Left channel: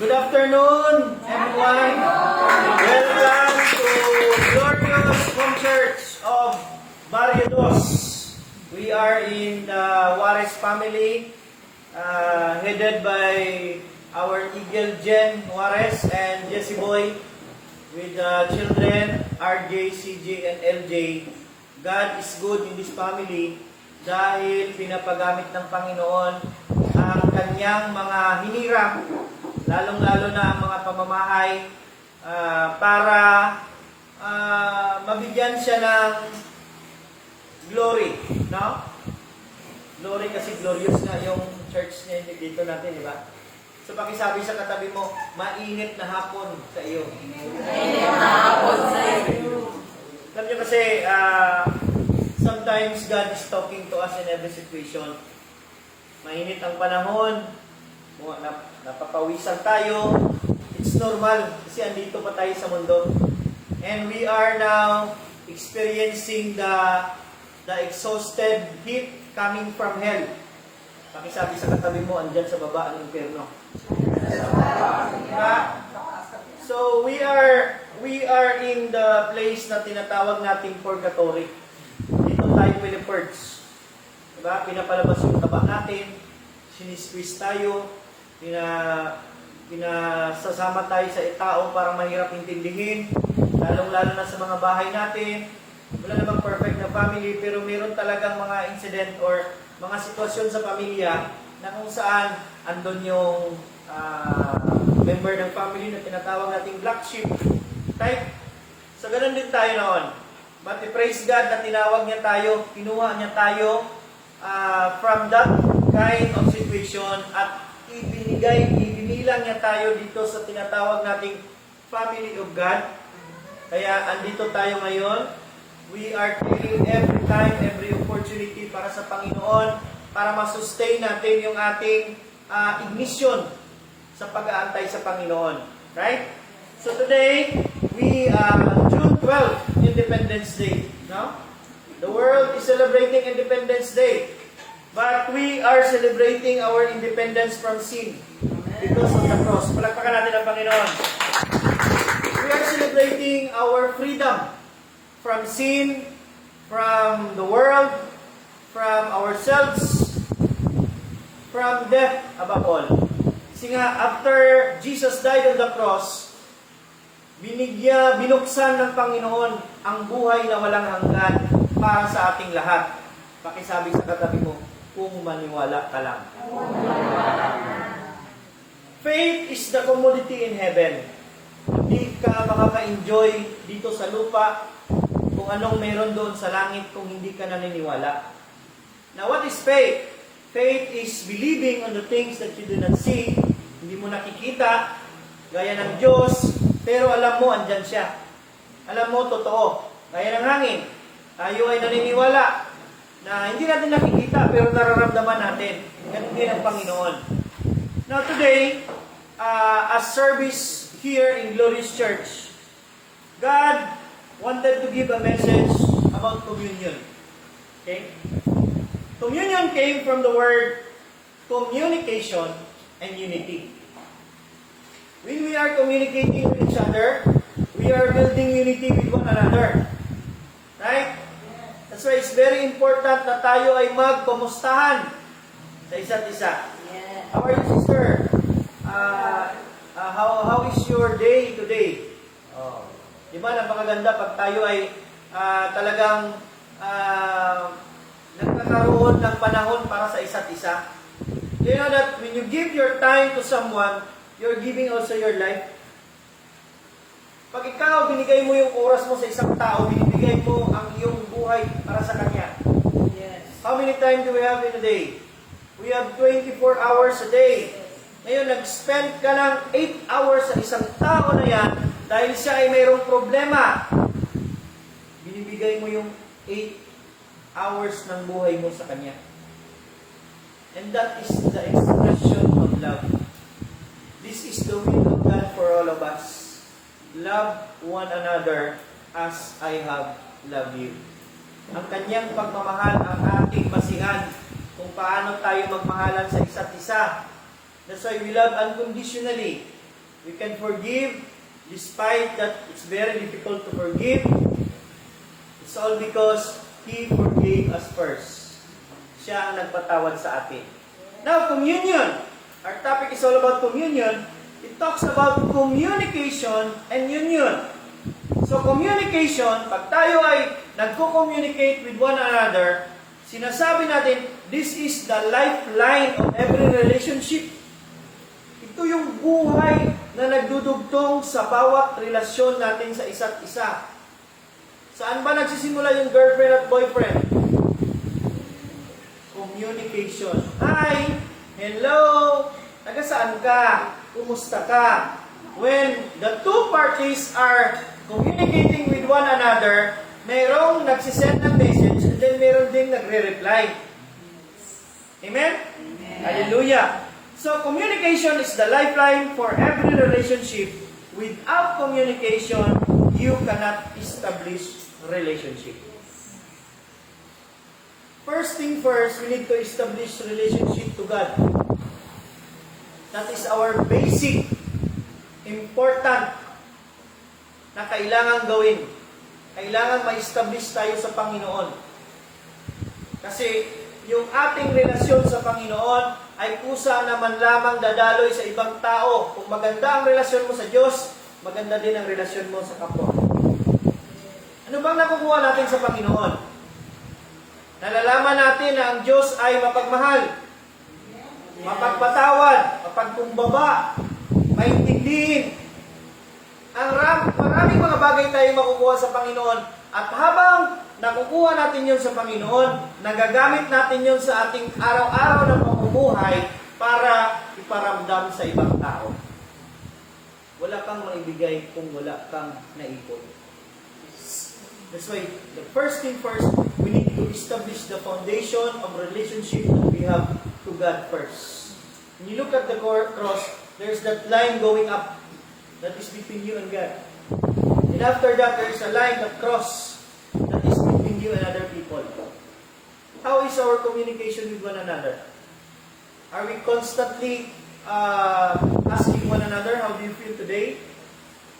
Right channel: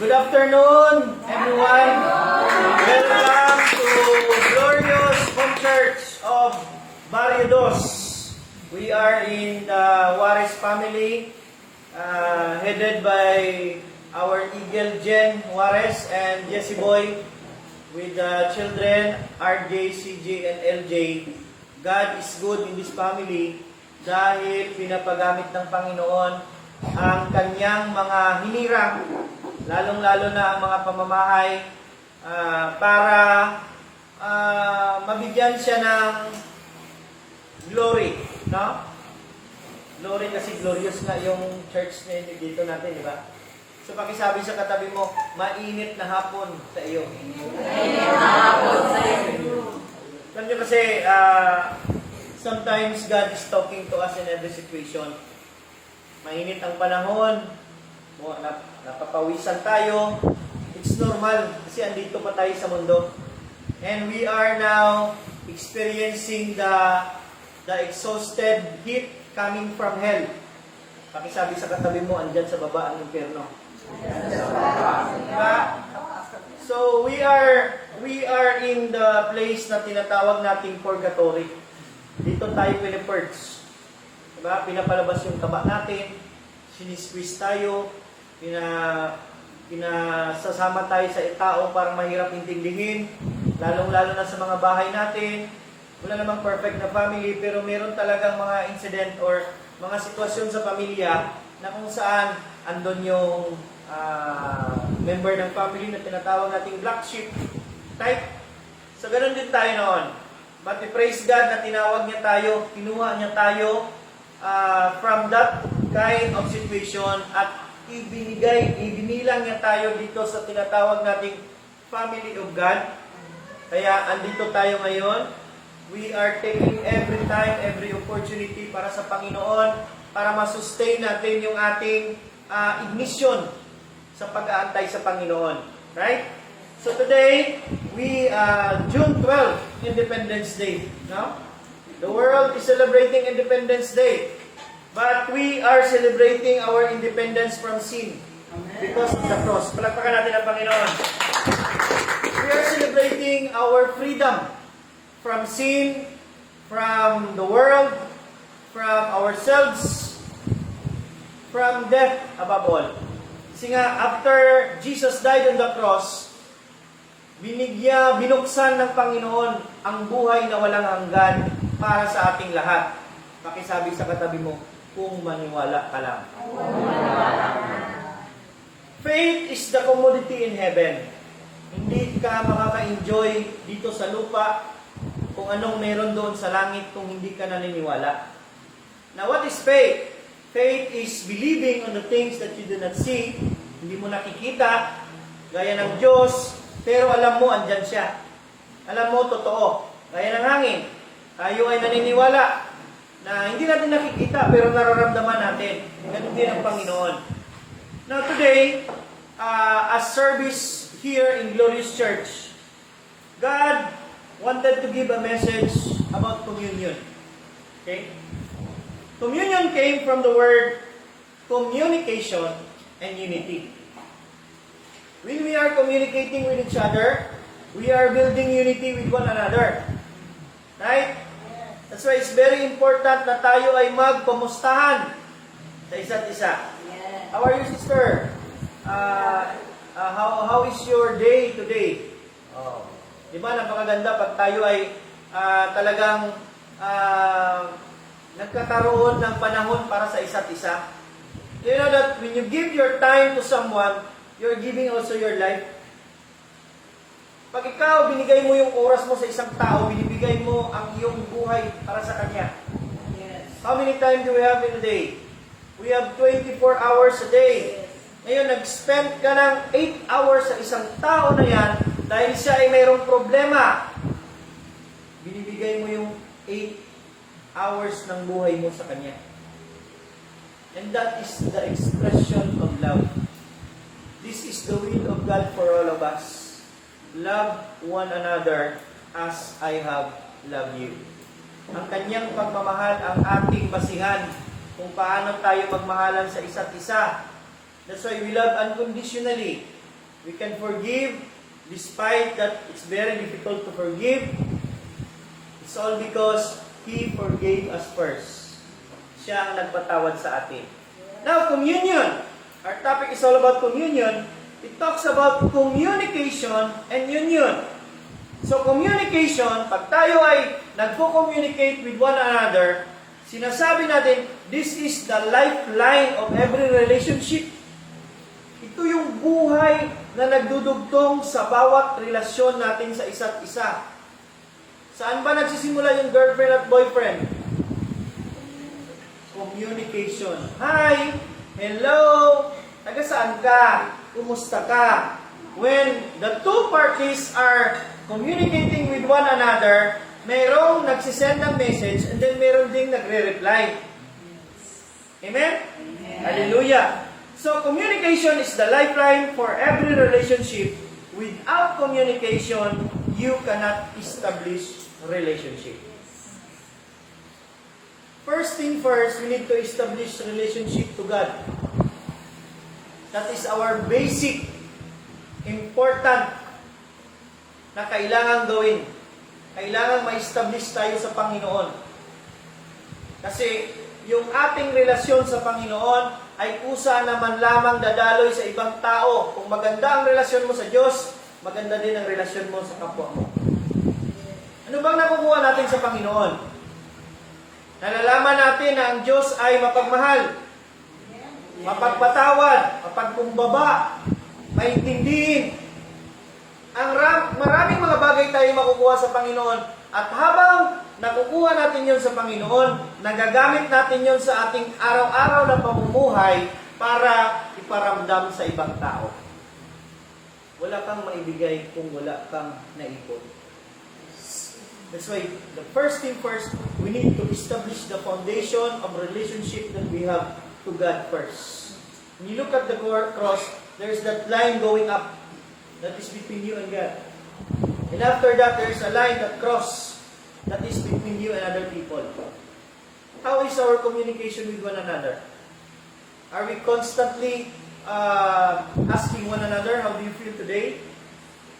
Good afternoon, everyone. Welcome to Glorious Home Church of Barrio Dos. We are in the Juarez family, headed by our Eagle Jen Juarez and Jesse Boy, with the children RJ, CJ, and LJ. God is good in this family dahil pinapagamit ng Panginoon ang kanyang mga hinirang, lalong-lalo na ang mga pamamahay, para mabigyan siya ng glory, no? Glory kasi glorious nga yung church niya dito natin, di ba? So pakisabi sa katabi mo, mainit na hapon sa iyo. Mainit na hapon sa iyo. Alam niyo kasi, sometimes God is talking to us in every situation. Mainit ang panahon, napapawisan tayo. It's normal kasi andito pa tayo sa mundo. And we are now experiencing the exhausted heat coming from hell. Pakisabi sa katabi mo, andyan sa baba ang impyerno. Diba? So we are in the place na tinatawag nating purgatory. Dito tayo pinipurge. Diba? Pinapalabas yung taba natin, sinisqueeze tayo, pinasasama tayo sa tao para mahirap intindihin, lalong-lalo na sa mga bahay natin. Wala namang perfect na family, pero meron talagang mga incident or mga sitwasyon sa pamilya na kung saan andon yung member ng family na tinatawag nating black sheep type. So, ganun din tayo noon. But we praise God na tinawag niya tayo, kinuha niya tayo from that kind of situation at ibinilang niya tayo dito sa tinatawag nating family of God. Kaya andito tayo ngayon. We are taking every time, every opportunity para sa Panginoon, para masustain natin yung ating ignition sa pag-aantay sa Panginoon. Right? So today, June 12, Independence Day. No? The world is celebrating Independence Day. But we are celebrating our independence from sin because of the cross. Palakpakan natin ang Panginoon. We are celebrating our freedom from sin, from the world, from ourselves, from death above all. Kasi nga, after Jesus died on the cross, binuksan ng Panginoon ang buhay na walang hanggan para sa ating lahat. Pakisabi sa katabi mo, kung maniwala ka lang. Faith is the commodity in heaven. Hindi ka makaka-enjoy dito sa lupa kung anong meron doon sa langit kung hindi ka naniniwala. Now, what is faith? Faith is believing on the things that you do not see. Hindi mo nakikita, gaya ng Diyos, pero alam mo, andyan siya. Alam mo, totoo. Gaya ng hangin. Tayo ay naniniwala na hindi natin nakikita, pero nararamdaman natin. Ganun din ang Panginoon. Now today, as service here in Glorious Church, God wanted to give a message about communion. Okay? Communion came from the word communication and unity. When we are communicating with each other, we are building unity with one another. Right? That's why it's very important na tayo ay magkumustahan sa isa't isa. How are you, sister? How is your day today? Di ba, napakaganda pag tayo ay talagang nagkakaroon ng panahon para sa isa't isa. Do you know that when you give your time to someone, you're giving also your life? Pag ikaw, binigay mo yung oras mo sa isang tao, binibigay mo ang iyong buhay para sa kanya. Yes. How many times do we have in a day? We have 24 hours a day. Ngayon, nag-spend ka ng 8 hours sa isang tao na yan dahil siya ay mayroong problema. Binibigay mo yung 8 hours ng buhay mo sa kanya. And that is the expression of love. This is the will of God for all of us. Love one another as I have loved you. Ang kanyang pagmamahal ang ating basihan kung paano tayo magmahalan sa isa't isa. That's why we love unconditionally. We can forgive despite that it's very difficult to forgive. It's all because He forgave us first. Siya ang nagpatawad sa atin. Now, communion. Our topic is all about communion. It talks about communication and union. So, communication, pag tayo ay nagko-communicate with one another, sinasabi natin, this is the lifeline of every relationship. Ito yung buhay na nagdudugtong sa bawat relasyon natin sa isa't isa. Saan ba nagsisimula yung girlfriend at boyfriend? Communication. Hi! Hello! Taga saan ka? Kumusta ka? When the two parties are communicating with one another, merong nagsisend ng message and then meron ding nagre-reply. Amen? Amen? Hallelujah! So, communication is the lifeline for every relationship. Without communication, you cannot establish relationship. First thing first, we need to establish relationship to God. That is our basic, important na kailangan gawin. Kailangan ma-establish tayo sa Panginoon. Kasi yung ating relasyon sa Panginoon ay kusa naman lamang dadaloy sa ibang tao. Kung maganda ang relasyon mo sa Diyos, maganda din ang relasyon mo sa kapwa. Ano bang nakukuha natin sa Panginoon? Nalalaman natin na ang Diyos ay mapagmahal, mapagpatawad, mapagkumbaba, maintindihin. Maraming mga bagay tayo makukuha sa Panginoon. At habang nakukuha natin yon sa Panginoon, nagagamit natin yon sa ating araw-araw na pamumuhay para iparamdam sa ibang tao. Wala kang maibigay kung wala kang naipon. That's why, the first thing first, we need to establish the foundation of relationship that we have to God first. When you look at the cross, there's that line going up that is between you and God. And after that, there's a line, the cross, that is between you and other people. How is our communication with one another? Are we constantly asking one another, how do you feel today?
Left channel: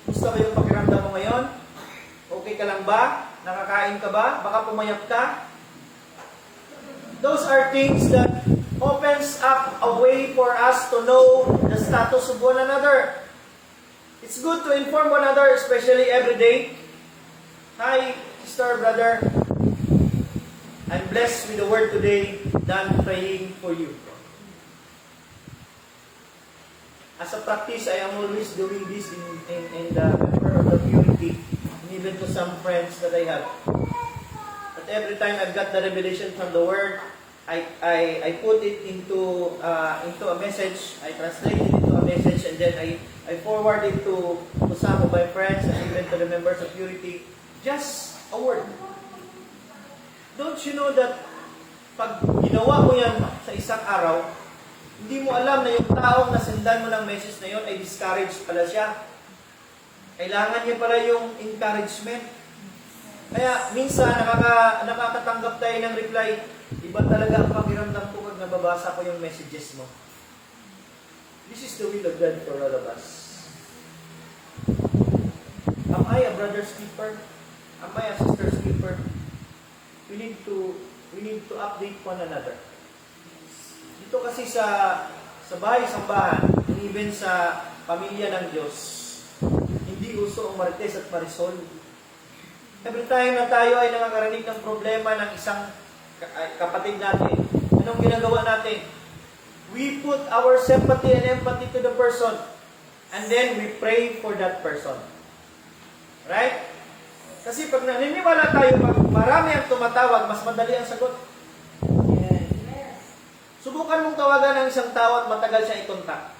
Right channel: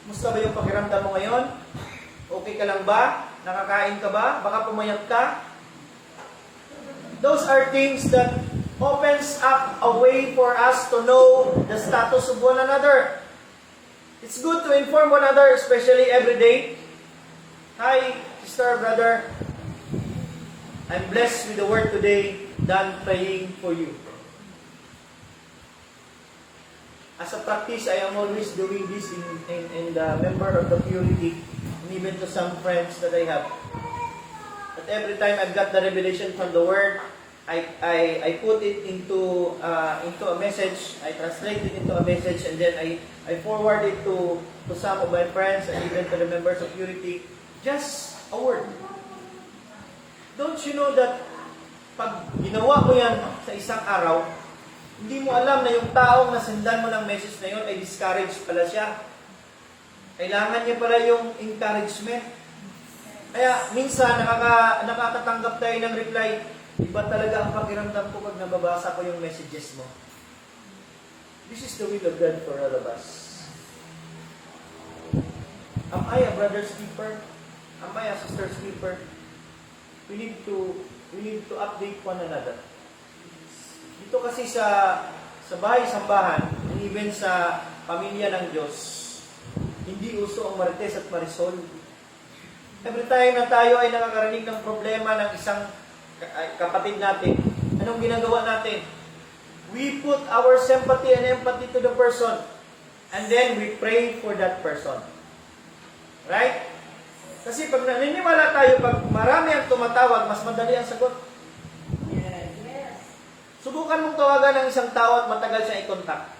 Musta ba yung pakiramdam mo ngayon? Okay ka lang ba? Nakakain ka ba? Baka pumayat ka? Those are things that opens up a way for us to know the status of one another. It's good to inform one another, especially every day. Hi, sister, brother. I'm blessed with the word today. Done praying for you. As a practice, I am always doing this in the member of the community, and even to some friends that I have. But every time I've got the revelation from the Word, I put it into a message. I translate it into a message, and then I forward it to some of my friends and even to the members of Purity. Just a word. Don't you know that pag ginawa mo yan sa isang araw, hindi mo alam na yung taong nasendan mo ng message na yun ay discouraged pala siya. Kailangan niya pala yung encouragement. Kaya minsan nakakatanggap tayo ng reply, iba talaga ang pakiramdam ko pag nababasa ko yung messages mo. This is the will of God for all of us. Am I a brother's keeper? Am I a sister's keeper? We need to update one another. Dito kasi sa bahay-sambahan, and even sa pamilya ng Diyos, hindi uso ang Marites at Marisol. Every time na tayo ay nakakarinig ng problema ng isang kapatid natin, anong ginagawa natin? We put our sympathy and empathy to the person, and then we pray for that person. Right? Kasi pag naniniwala tayo, pag marami ang tumatawag, mas madali ang sagot. Subukan mong tawagan ng isang tao at matagal siya i-contact.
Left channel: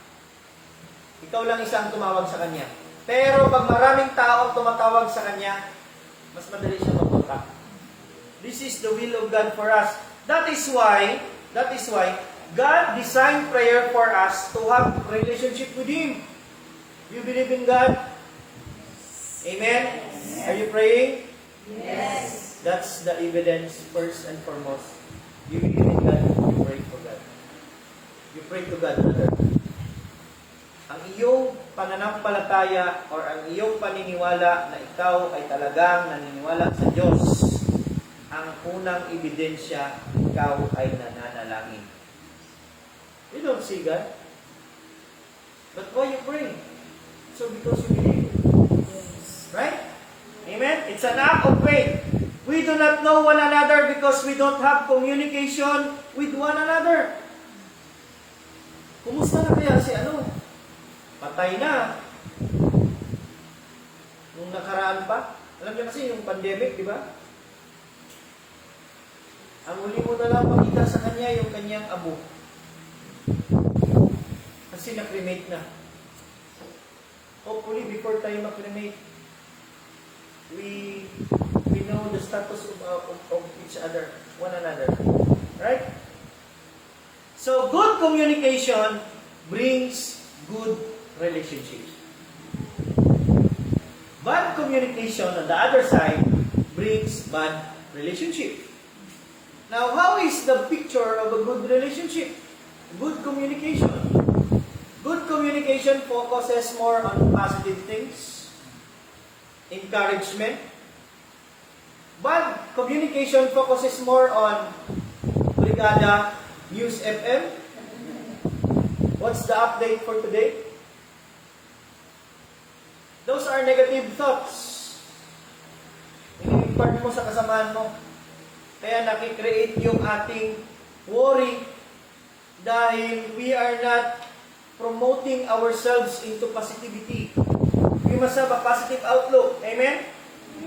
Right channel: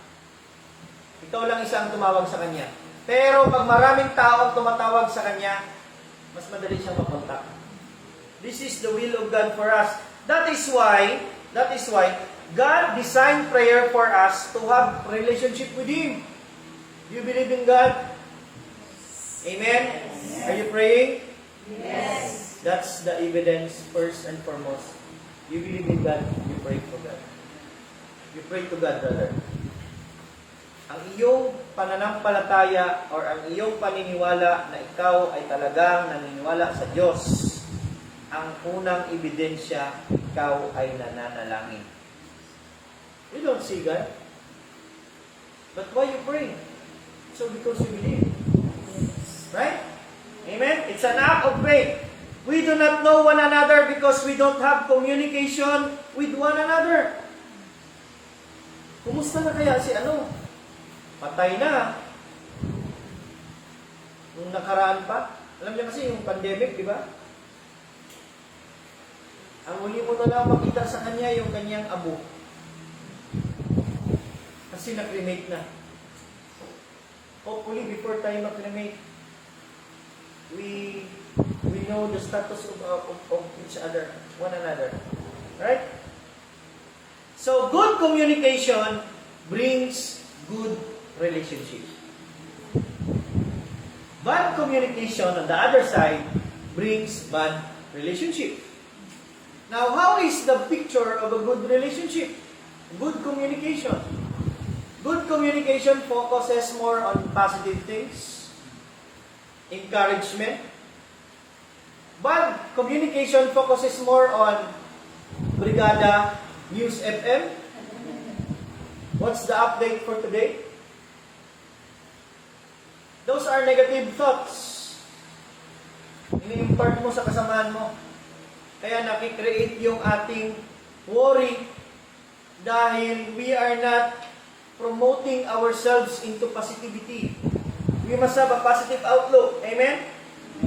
Ikaw lang isang tumawag sa kanya. Pero pag maraming tao ang tumatawag sa kanya, mas madali siyang mag-contact. This is the will of God for us. That is why God designed prayer for us to have relationship with Him. Do you believe in God? Amen? Yes. Are you praying? Yes. That's the evidence first and foremost. You believe in God, you pray for God. You pray to God, brother. ang iyong pananampalataya or ang iyong paniniwala na ikaw ay talagang naniniwala sa Diyos, ang unang ebidensya, ikaw ay nananalangin. You don't see God. But why you pray? So because you believe. Right? Amen? It's an act of faith. We do not know one another because we don't have communication with one another. Kumusta na kaya si Patay na. Nung nakaraan pa. Alam niyo kasi yung pandemic, di ba? Ang huli mo na lang makita sa kanya yung kanyang abo. Kasi na-cremate na. Hopefully, before tayo ma-cremate, we know the status of each other, one another. Right? So, good communication brings good relationship. Bad communication, on the other side, brings bad relationship. Now, how is the picture of a good relationship? Good communication. Good communication focuses more on positive things, encouragement. Bad communication focuses more on Brigada News FM. What's the update for today? Those are negative thoughts. Ini-impart mo sa kasamaan mo. Kaya nakikreate yung ating worry dahil we are not promoting ourselves into positivity. We must have a positive outlook. Amen?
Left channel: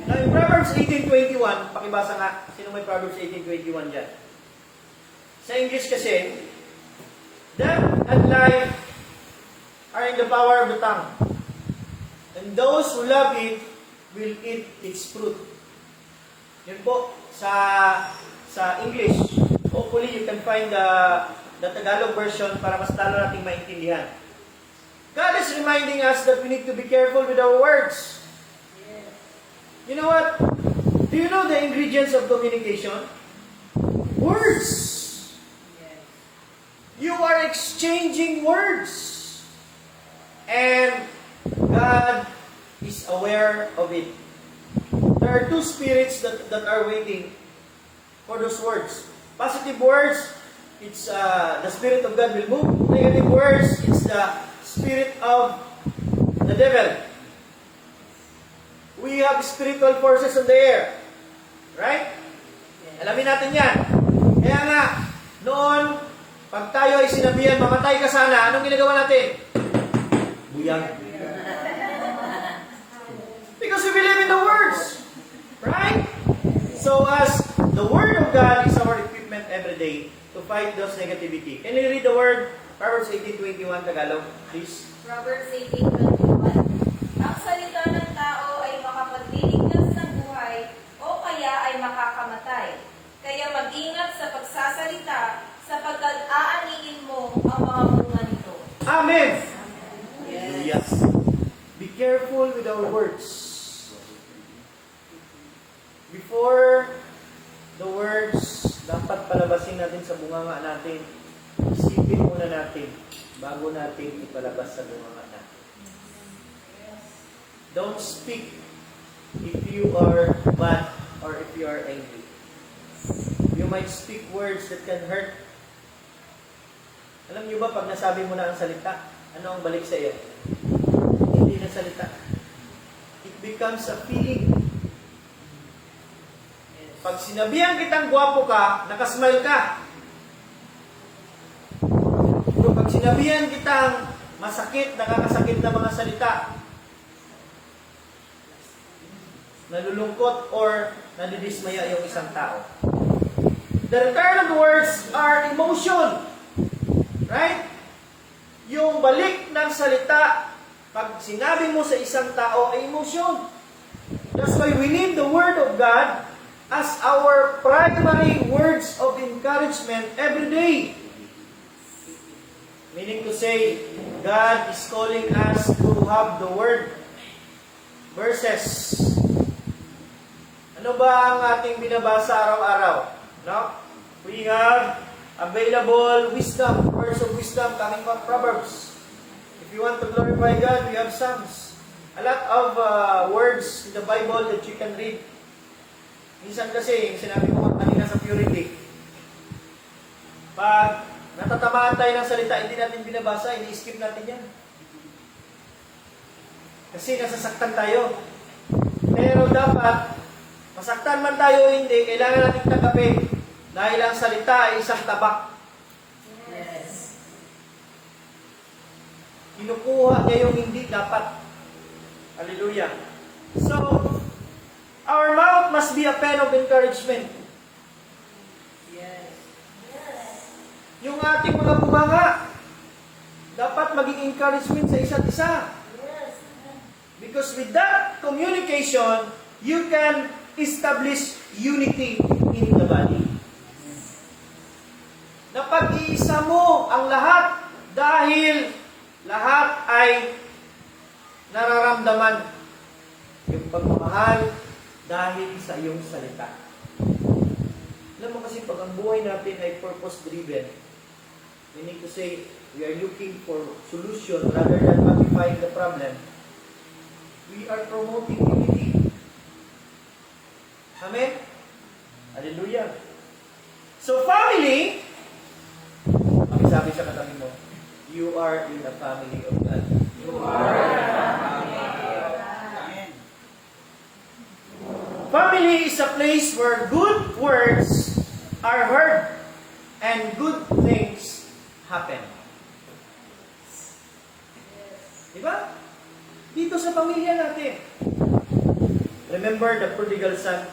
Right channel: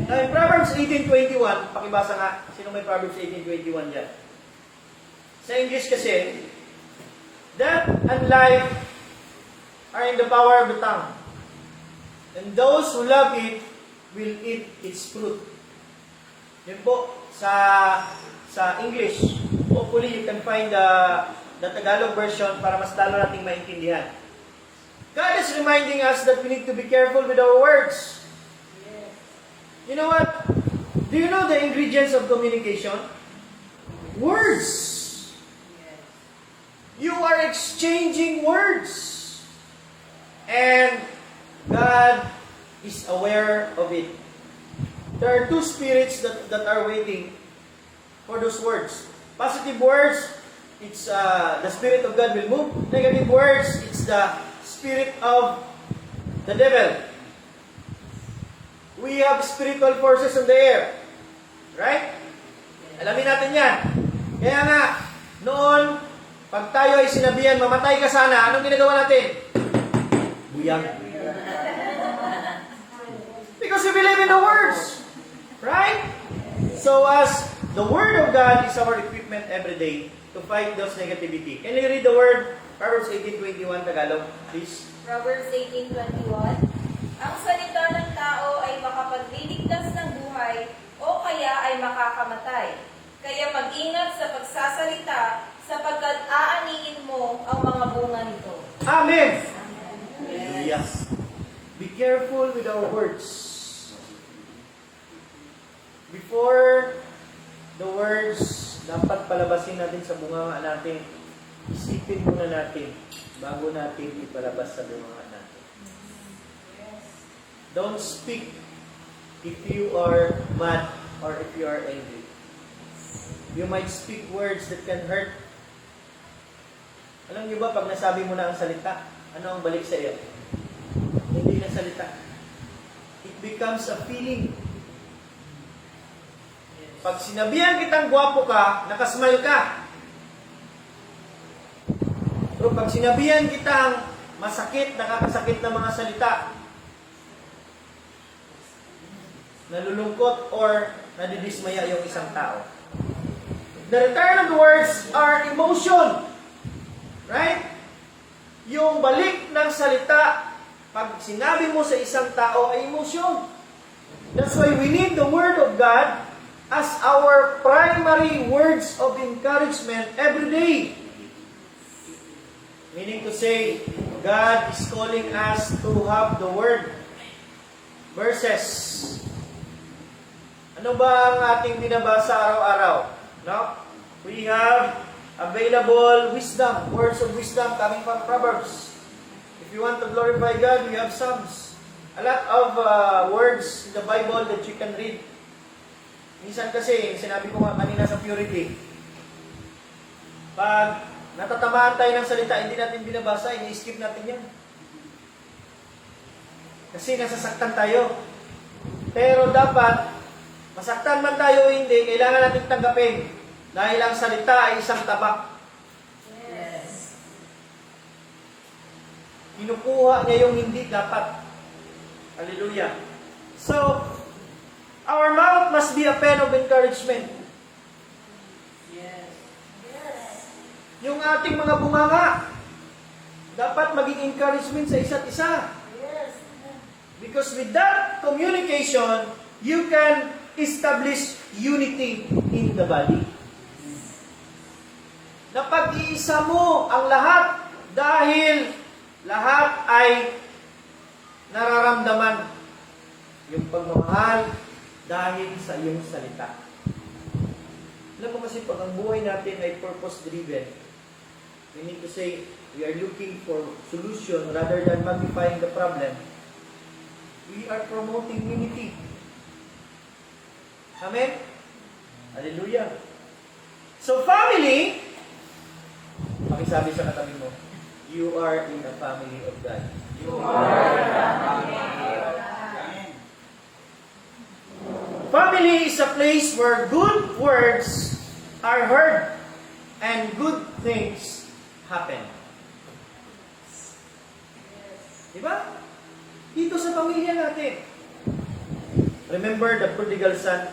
Now in Proverbs 18:21, pakibasa nga. Sino may Proverbs 18:21 dyan? Sa English kasi, death and life are in the power of the tongue. And those who love it will eat its fruit. Yun po, sa English. Hopefully, you can find the Tagalog version para mas lalo nating maintindihan. God is reminding us that we need to be careful with our words. You know what? Do you know the ingredients of communication? Words. You are exchanging words. And God is aware of it. There are two spirits that are waiting for those words. Positive words, it's the Spirit of God will move. Negative words, it's the spirit of the devil. We have spiritual forces in the air. Right? Alamin natin yan. Kaya nga, noon, pag tayo ay sinabihan, mamatay ka sana, anong ginagawa natin? Buyang. Because we believe in the words. Right? So as the Word of God is our equipment every day to fight those negativity. Can you read the word? Proverbs 18:21 Tagalog, please. Proverbs 18:21. Ang salita ng tao ay makapagdiligtas ng buhay o kaya ay makakamatay. Kaya mag-ingat sa pagsasalita sapagkat aaniin mo ang mga bunga nito. Amen. Hallelujah. Be careful with our words. Before the words dapat palabasin natin sa bunganga natin, isipin muna natin bago natin ipalabas sa bunganga natin. Don't speak if you are mad or if you are angry. You might speak words that can hurt. Alam niyo ba, pag nasabi mo na ang salita, ano ang balik sa iyo? Hindi na salita. It becomes a feeling. Pag sinabihan kitang gwapo ka, nakasmile ka. Pero pag sinabihan kitang masakit, nakakasakit na mga salita, nalulungkot or nadidismaya yung isang tao. The return of the words are emotion. Right? Yung balik ng salita, pag sinabi mo sa isang tao ay emotion. That's why we need the Word of God as our primary words of encouragement every day. Meaning to say, God is calling us to have the Word. Verses. Ano ba ang ating binabasa araw-araw? No? We have available wisdom, words of wisdom coming from Proverbs. If If you want to glorify God, we have Psalms. A lot of words in the Bible that you can read. Minsan kasi, yung sinabi ko nga kanina sa purity, pag natatamaan tayo ng salita, hindi natin binabasa, ini-skip natin yan. Kasi nasasaktan tayo. Pero dapat, masaktan man tayo o hindi, kailangan natin tanggapin. Dahil ang salita ay isang tabak. Yes. Kinukuha niya yung hindi dapat. Hallelujah. So, our mouth must be a pen of encouragement. Yes. Yung ating mga bunganga, dapat maging encouragement sa isa't isa. Yes. Because with that communication, you can establish unity in the body. Napag-iisa mo ang lahat dahil lahat ay nararamdaman yung pagmamahal dahil sa iyong salita. Alam mo kasi pag ang buhay natin ay purpose-driven, we need to say we are looking for solution rather than magnifying the problem. We are promoting unity. Amen? Hallelujah. So family, pakisabi sa katabi mo, you are in the family of God. You are the family of God. Family is a place where good words are heard and good things happen. Diba? Dito sa pamilya natin. Remember the prodigal son?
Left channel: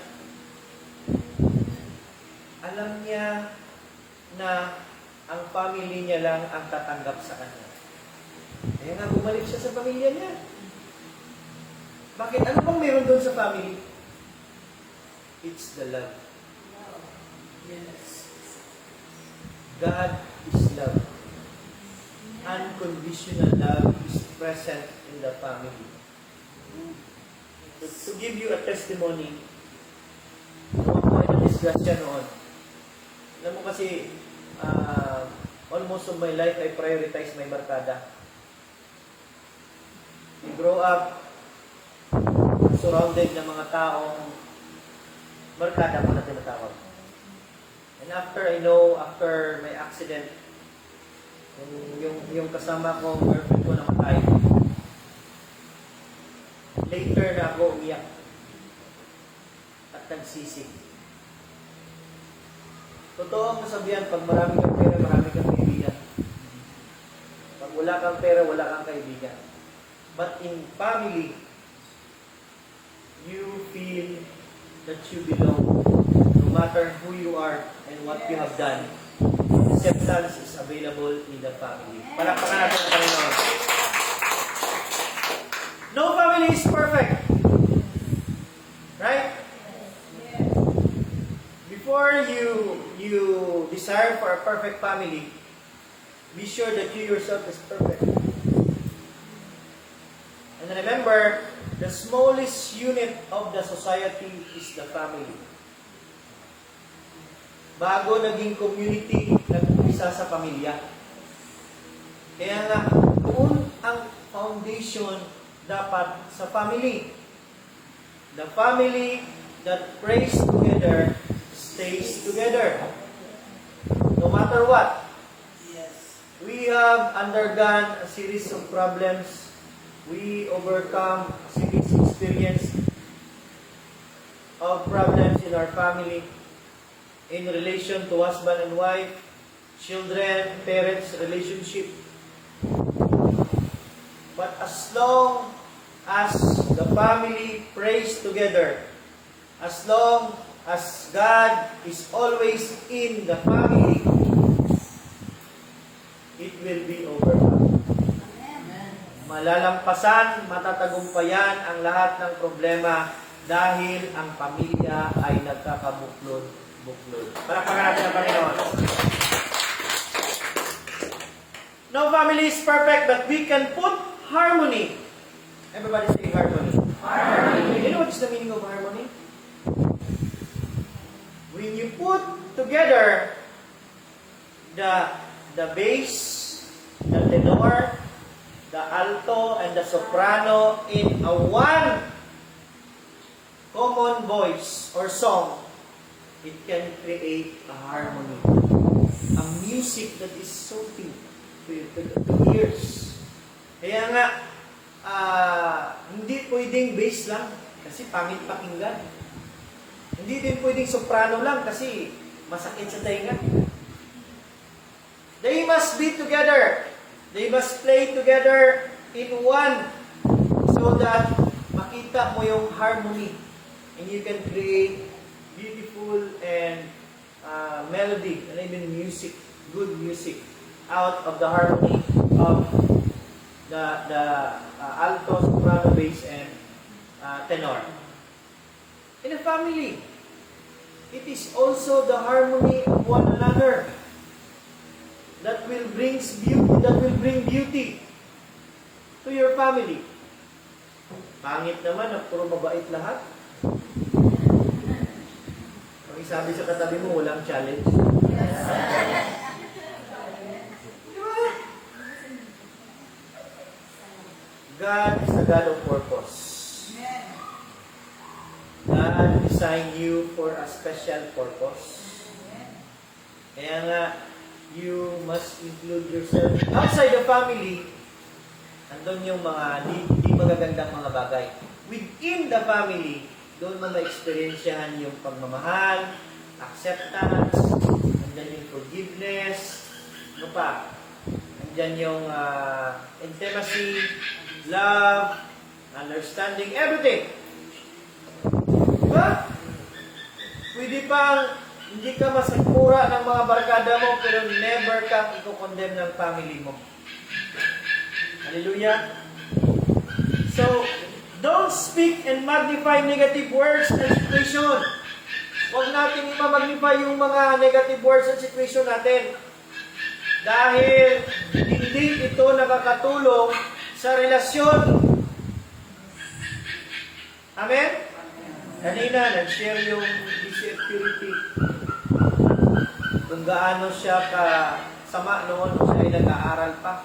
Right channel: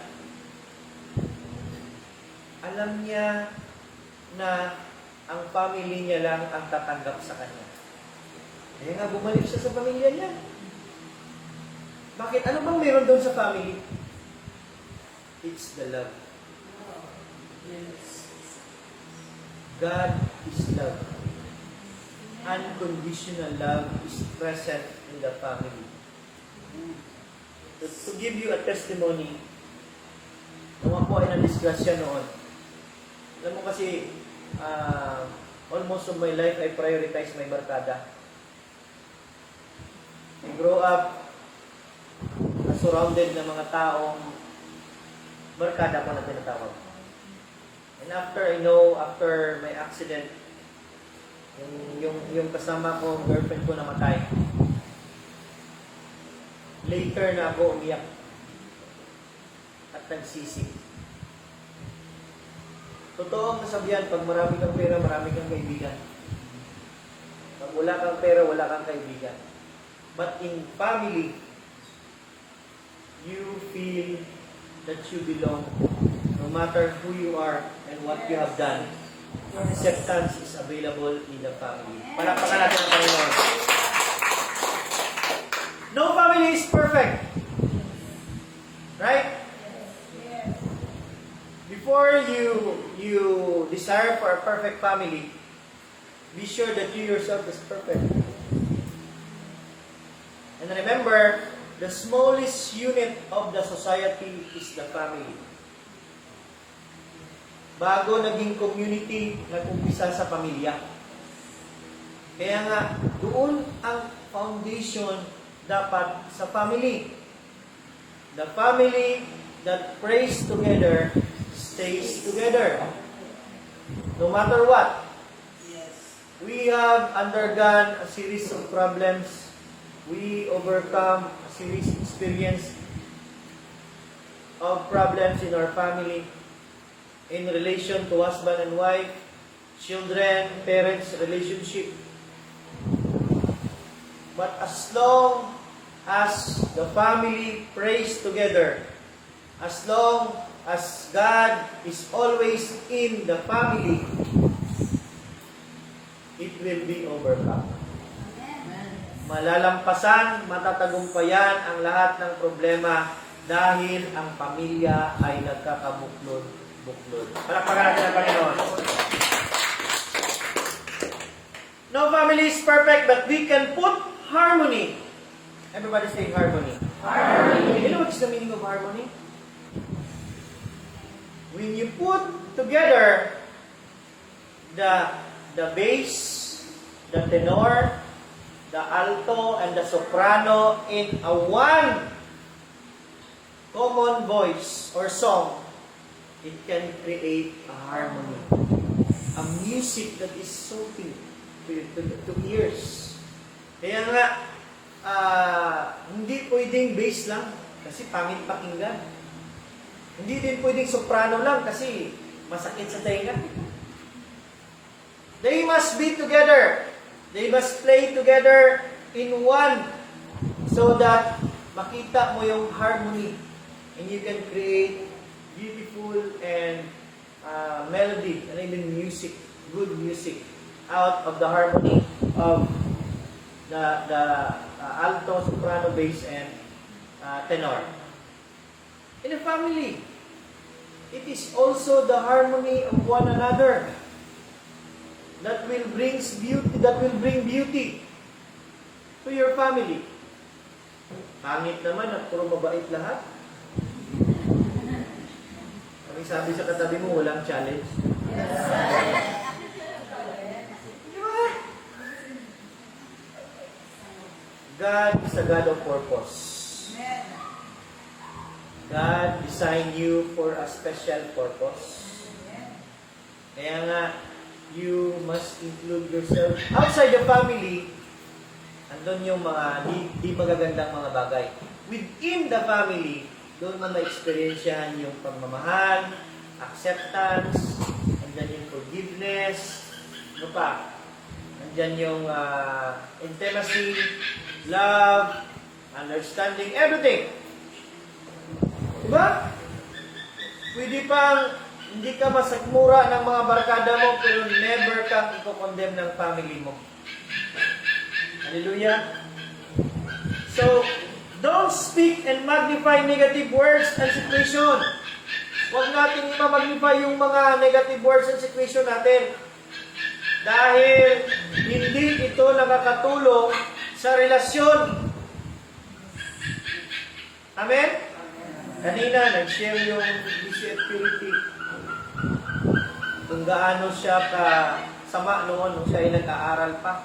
Alam niya na ang family niya lang ang tatanggap sa kanya. Kaya nga bumalik siya sa pamilya niya. Bakit? Ano bang meron doon sa family? It's the love. God is love. Unconditional love is present in the family. So, to give you a testimony, naman po ay na-disgrasya noon. Alam mo kasi, almost of my life, I prioritize my barkada. I grow up, surrounded ng mga taong barkada ko na tinatawag. And after my accident, yung kasama ko, girlfriend ko namatay. Later na ako umiyak at nagsisi. Totoo ang kasabihan, pag marami kang pera, marami kang kaibigan. Pag wala kang pera, wala kang kaibigan. But in family, you feel that you belong, no matter who you are and what you have done. Acceptance is available in the family. Palakpakan natin ang Panginoon. No family is perfect. Right? Before you desire for a perfect family, be sure that you yourself is perfect. And remember, the smallest unit of the society is the family. Bago naging community, nag-umpisa sa pamilya. Kaya nga, doon ang foundation dapat sa family. The family that prays together stays together. No matter what. We have undergone a series of problems. We overcome a series of experience of problems in our family in relation to husband and wife, children, parents, relationship. But as long as the family prays together, as long as God is always in the family, it will be overcome. Malalampasan, matatagumpayan ang lahat ng problema dahil ang pamilya ay nagkakabuklod-buklod. Palakpakan natin ang Panginoon. No family is perfect, but we can put harmony. Everybody say harmony. Harmony. You know what is the meaning of harmony? When you put together the bass, the tenor, the alto and the soprano in a one common voice or song, it can create a harmony. A music that is soothing to ears. Kaya nga, hindi pwedeng bass lang kasi pangit pakinggan. Hindi din pwedeng soprano lang kasi masakit sa tainga. They must be together. They must play together in one so that makita mo yung harmony and you can create beautiful and melody and even music, good music out of the harmony of the alto, soprano, bass, and tenor. In a family, it is also the harmony of one another that will bring beauty to your family. Pangit naman at puro mabait lahat. Ang sabi sa katabi mo, walang challenge. Diba? God is a God of purpose. God designed you for a special purpose. Kaya nga, you must include yourself outside the family. Andun yung mga di magagandang mga bagay. Within the family, doon mo ma-experiensyahan yung pagmamahal, acceptance, andyan yung forgiveness, ano pa? Andyan yung intimacy, love, understanding, everything. Diba? Pwede pang hindi ka masagmura ng mga barkada mo, pero never kang i-condemn ng family mo. Hallelujah! So, don't speak and magnify negative words and situation. Huwag natin i-magnify yung mga negative words and situation natin. Dahil hindi ito nakakatulong sa relasyon. Amen? Kanina, nag-share yung DCF Purity. Kung gaano siya kasama noon nung siya ay nag-aaral pa.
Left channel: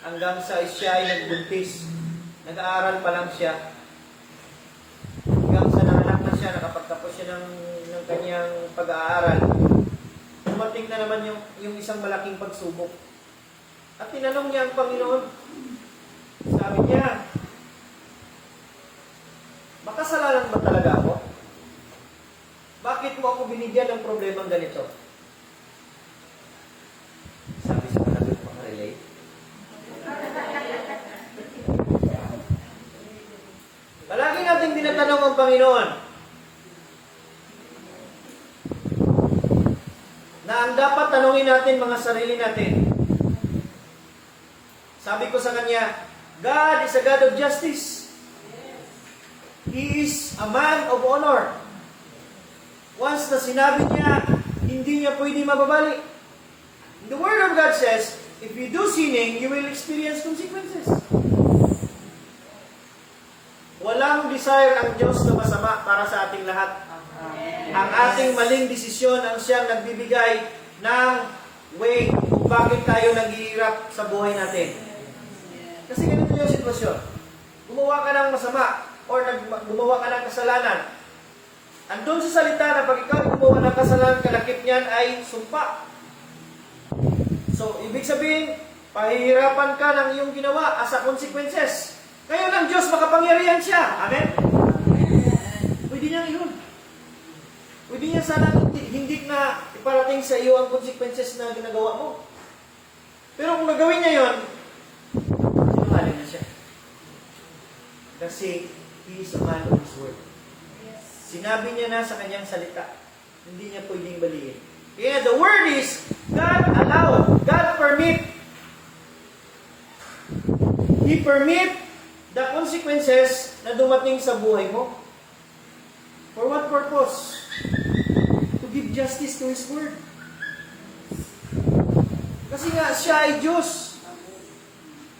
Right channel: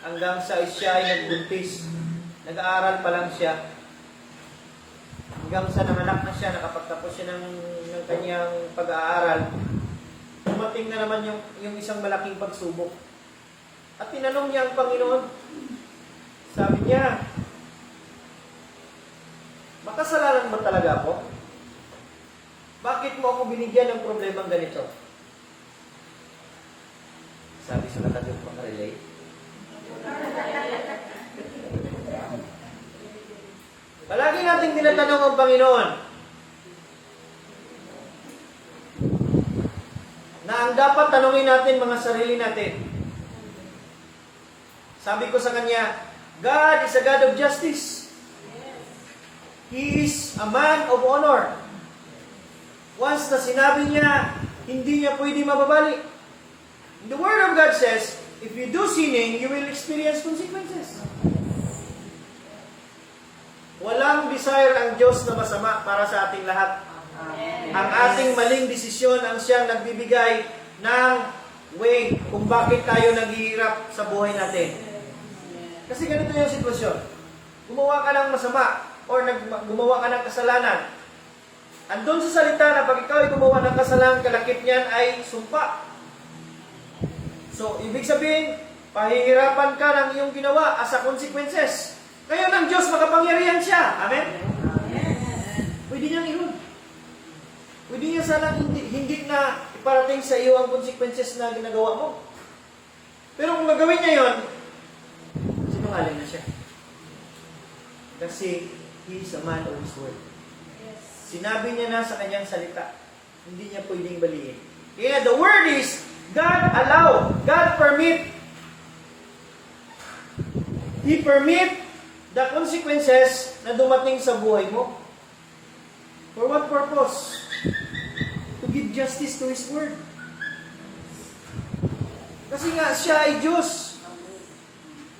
Hanggang sa siya ay nagbuntis. Nag-aaral pa lang siya. Hanggang sa nanganak na siya, nakapagtapos siya ng kanyang pag-aaral. Dumating na naman yung isang malaking pagsubok. At tinanong niya ang Panginoon. Sabi niya, makasalanan ba talaga ako? Bakit mo ako binigyan ng problemang ganito? Sabi sa katabi, makarelate. Palagi nating tinatanong ang Panginoon na ang dapat tanungin natin mga sarili natin. Sabi ko sa kanya, God is a God of justice. He is a man of honor. Once na sinabi niya, hindi niya pwede mababali. The Word of God says, if you do sinning, you will experience consequences. Walang desire ang Diyos na masama para sa ating lahat. Ang ating maling desisyon ang siyang nagbibigay ng way kung bakit tayo naghihirap sa buhay natin. Kasi ganito yung sitwasyon. Gumawa ka ng masama or gumawa ka ng kasalanan. Andun sa salita na pag ikaw ay gumawa ng kasalanan, kalakip niyan ay sumpa. So, ibig sabihin, pahihirapan ka ng iyong ginawa as a consequences. Kaya ng Diyos makapangyarihan siya. Amen? Pwede niyang yun. Pwede niya sana hindi na iparating sa iyo ang consequences na ginagawa mo. Pero kung gagawin niya yun, sinungaling na siya. Kasi He is a man of His word. Sinabi niya na sa kanyang salita. Hindi niya pwedeng baliin. Kaya the word is, God allow, God permit. He permit the consequences na dumating sa buhay mo. For what purpose? To give justice to His word. Kasi nga, siya ay Diyos.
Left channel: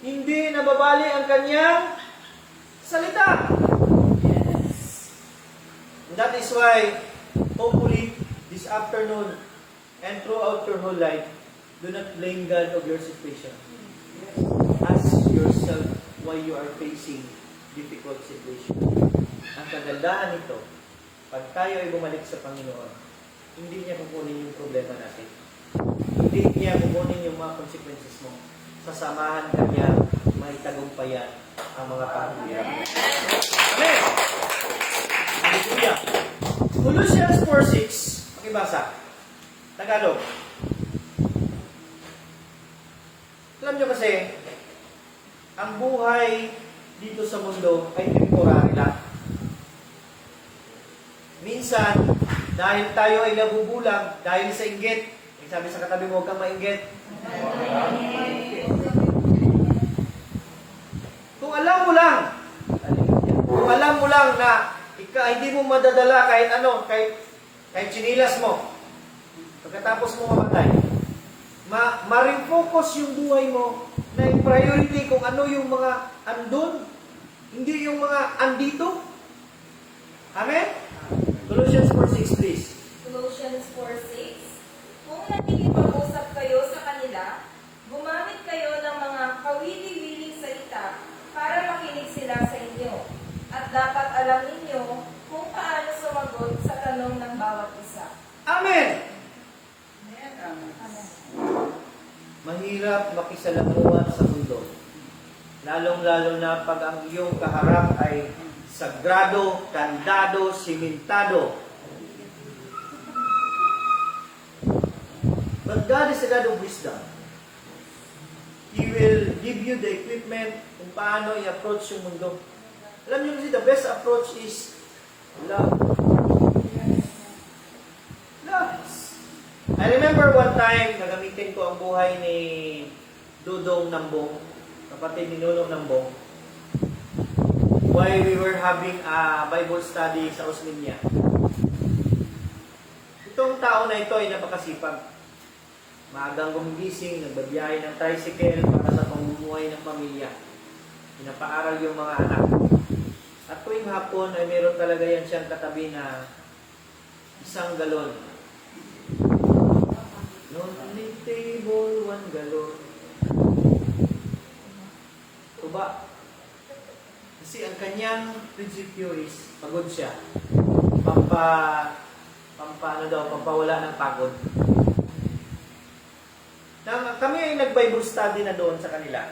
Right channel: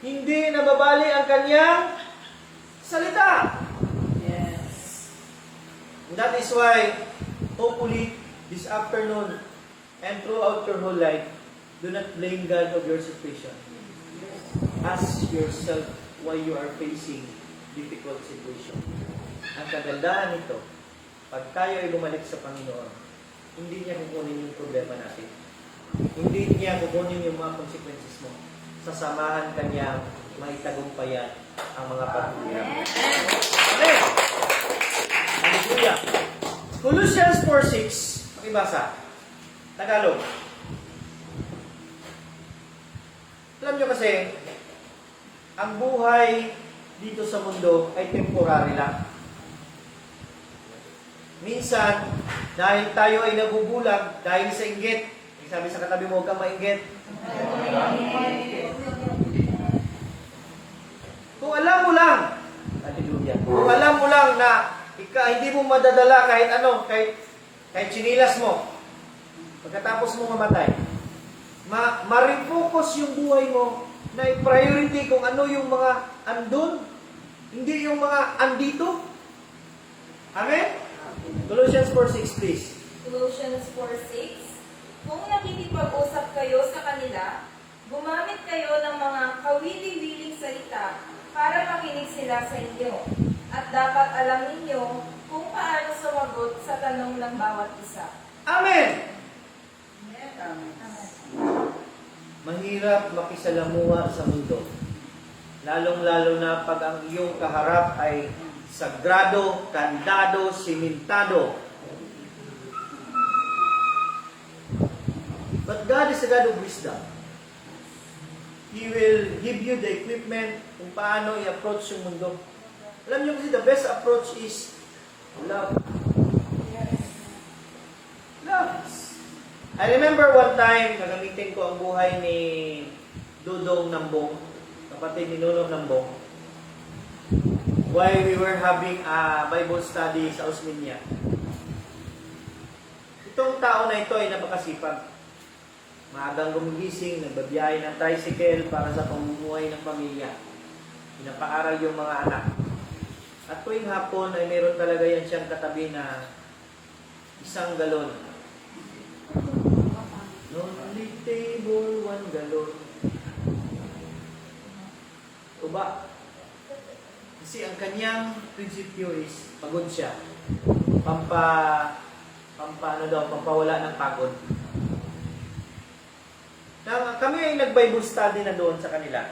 Hindi nababali ang kanyang salita. And that is why, hopefully, this afternoon and throughout your whole life, do not blame God of your situation. Ask yourself why you are facing difficult situation. Ang kagandahan nito, pag tayo ay bumalik sa Panginoon, hindi niya kukunin yung problema natin. Hindi niya kukunin yung mga consequences mo. Sasamahan ka niya maitagumpayan ang mga paghihirap. Amen! Hallelujah! Colossians 4:6, pakibasa. Tagalog. Alam nyo kasi, ang buhay dito sa mundo ay temporary lang. Minsan, dahil tayo ay nabubulag, dahil sa inggit, sabi sa katabi mo, huwag kang mainggit. Kung alam mo lang, hallelujah, kung alam mo lang na hindi mo madadala kahit ano, kahit chinilas mo, pagkatapos mo mamatay, ma-refocus yung buhay mo na yung priority kung ano yung mga andun, hindi yung mga andito. Amen? Colossians 4:6, please. Colossians 4:6. Kung nakikipag-usap kayo sa kanila, gumamit kayo ng mga kawili-wiling salita para makinig sila sa inyo. At dapat alam ninyo kung paano sumagot sa tanong ng bawat isa. Amen! Amen. Mahirap makisalamuha sa mundo. Lalong-lalo na pag ang iyong kaharap ay sagrado, kandado, simentado. But God is a God of wisdom. He will give you the equipment kung paano i-approach yung mundo. Alam niyo kasi the best approach is love. Love. I remember one time, nagamitin ko ang buhay ni Dudong Nambong, kapatid ni Nunong Nambong, while we were having a Bible study sa Osminia. Itong tao na ito ay napakasipag. Maagang gumigising, nagbabiyahe ng tricycle para sa pamumuhay ng pamilya. Pinapaaral yung mga anak. At tuwing hapon ay meron talaga yan siyang katabi na 1 galon. Lonely table, 1 galon. Tuba. Kasi ang kanyang prinsipyo is pagod siya. Pampawala ng pagod. Kami ay nag-Bible study na doon sa kanila.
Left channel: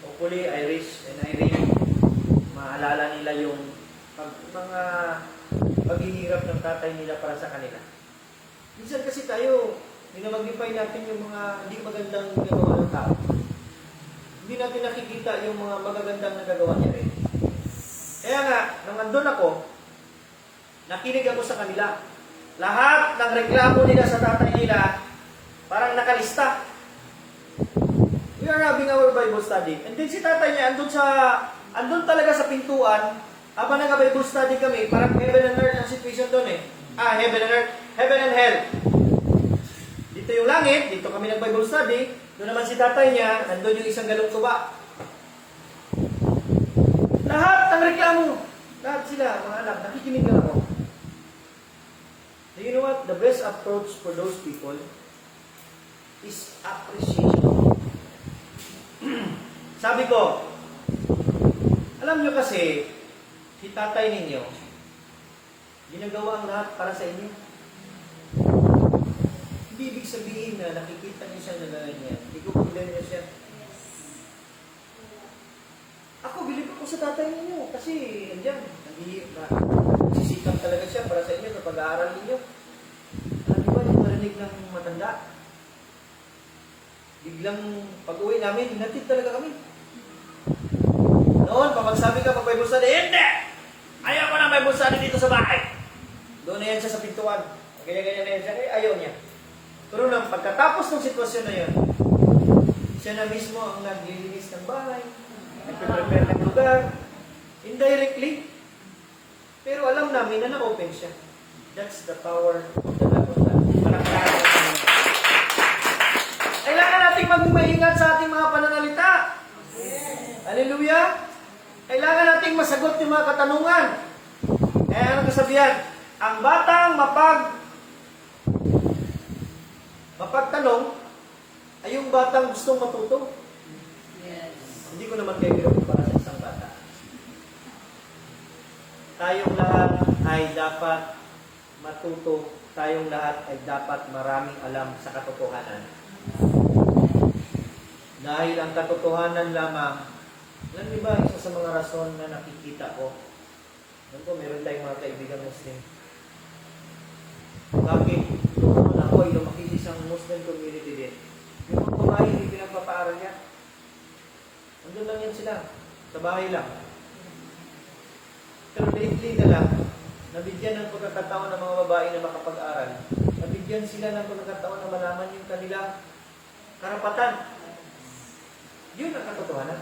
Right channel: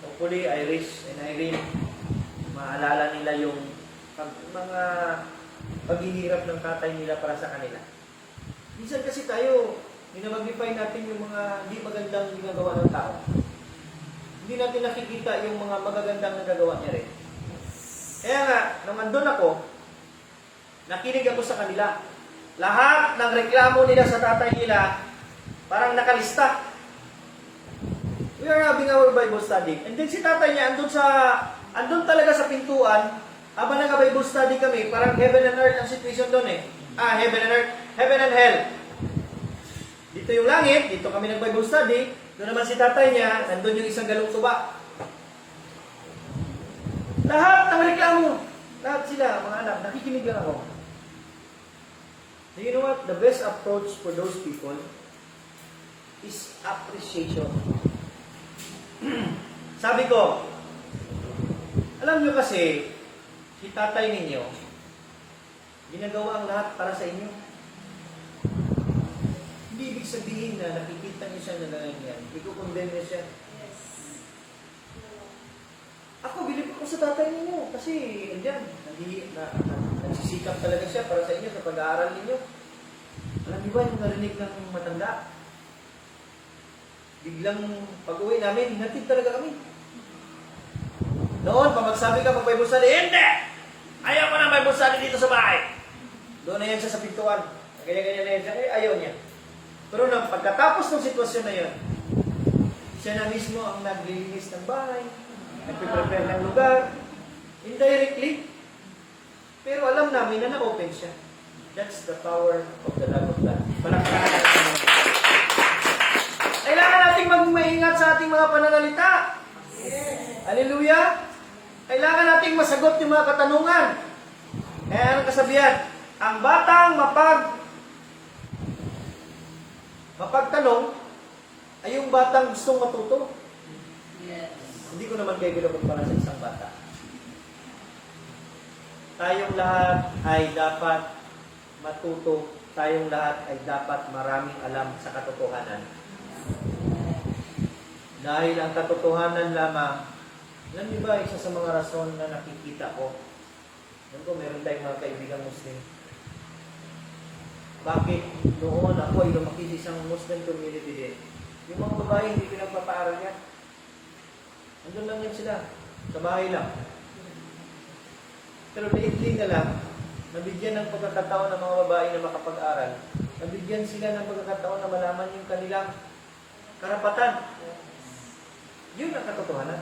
Hopefully, Irish and Irene, maalala nila yung mga paghihirap ng tatay nila para sa kanila. Minsan kasi tayo, minamagnify natin yung mga hindi magandang ginagawa ng tao. Hindi natin nakikita yung mga magagandang nagagawa niya rin. Kaya nga, nung andun ako, nakinig ako sa kanila. Lahat ng reklamo nila sa tatay nila, parang nakalista. We are having our Bible study. And then si tatay niya, andun talaga sa pintuan, habang nag-Bible study kami, parang heaven and earth ang situation doon eh. Heaven and earth, heaven and hell. Dito yung langit, dito kami nag-Bible study, doon naman si tatay niya, nandun yung 1 galong tuba. Lahat ng reklamo, lahat sila, mga anak, nakikinig lang ako. Do you know what? The best approach for those people is appreciation. Sabi ko, alam nyo kasi, si tatay ninyo, ginagawa ang lahat para sa inyo. Hindi ibig sabihin na nakikita niyo siya na ganyan. Iko-condemn niya siya. Ako, bilib ako sa tatay ninyo. Kasi, andyan, nagsisikap talaga siya para sa inyo, sa pag-aaral ninyo. Alam niyo ba, yung narinig ng matanda? Biglang pag-uwi namin, hinatid talaga kami. Noon, pag magsabi ka mag-Bible study, hindi! Ayaw ko na Bible study dito sa bahay. Doon na yan siya sa pintuan. Ganyan-ganyan na yan siya. Ayaw niya. Pero nang pagkatapos ng sitwasyon na yun, siya na mismo ang naglilinis ng bahay, nagpe-prepare ng lugar, indirectly. Pero alam namin na na-open siya. That's the power of the love of God. Palakpakan natin. Kailangan nating maging maingat sa ating mga pananalita. Yes. Hallelujah! Kailangan nating masagot yung mga katanungan. Kaya anong kasabihan? Ang batang mapagtanong ay yung batang gustong matuto. Yes. Hindi ko naman kayo binukumpara sa isang bata. Tayong lahat ay dapat matuto. Tayong lahat ay dapat maraming alam sa katotohanan. Dahil ang katotohanan lamang, alam niyo ba, isa sa mga rason na nakikita ko, alam ko, meron tayong mga kaibigang Muslim. Bakit noon ako ay lumaki sa isang Muslim community din? Yung mga babae, hindi pinagpapaaral yan. Nandun lang yan sila. Sa bahay lang. Pero lately na lang, nabigyan ng pagkakataon ng mga babae na makapag-aral. Nabigyan sila ng pagkakataon na malaman yung kanilang karapatan. Yun ang katotohanan.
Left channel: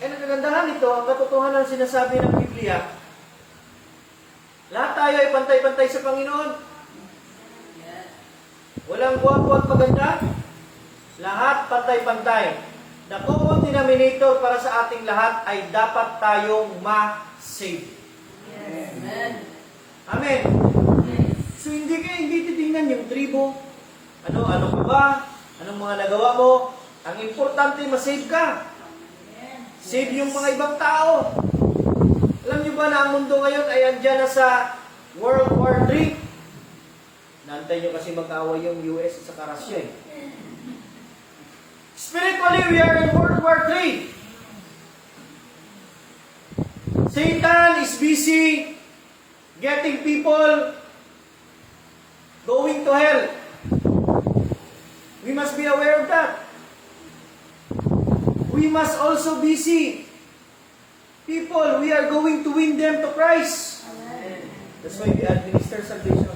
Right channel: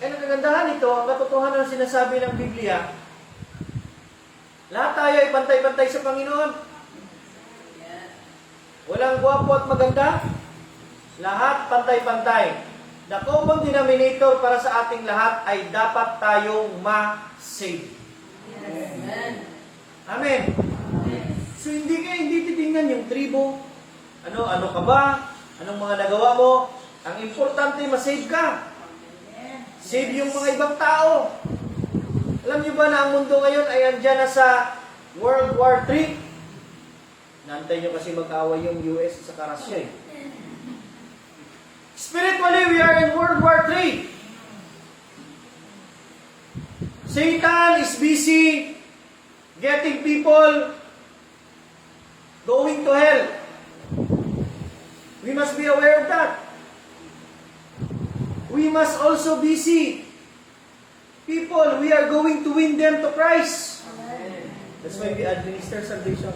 Eh, ang kagandahan nito, ang katotohanan na sinasabi ng Biblia, lahat tayo ay pantay-pantay sa Panginoon. Walang gwapo at maganda. Lahat pantay-pantay. The common denominator para sa ating lahat ay dapat tayong ma-save. Amen. So hindi titingnan yung tribo. Ano ka ba? Anong mga nagawa mo? Ang importante, ma-save ka. Save yung mga ibang tao. Alam niyo ba na ang mundo ngayon ay andyan na sa World War III? Naantay niyo kasi mag-away yung US sa Russia eh. Spiritually, we are in World War III. Satan is busy getting people going to hell. We must be aware of that. We must also be see people, we are going to win them to Christ. That's why we administer salvation.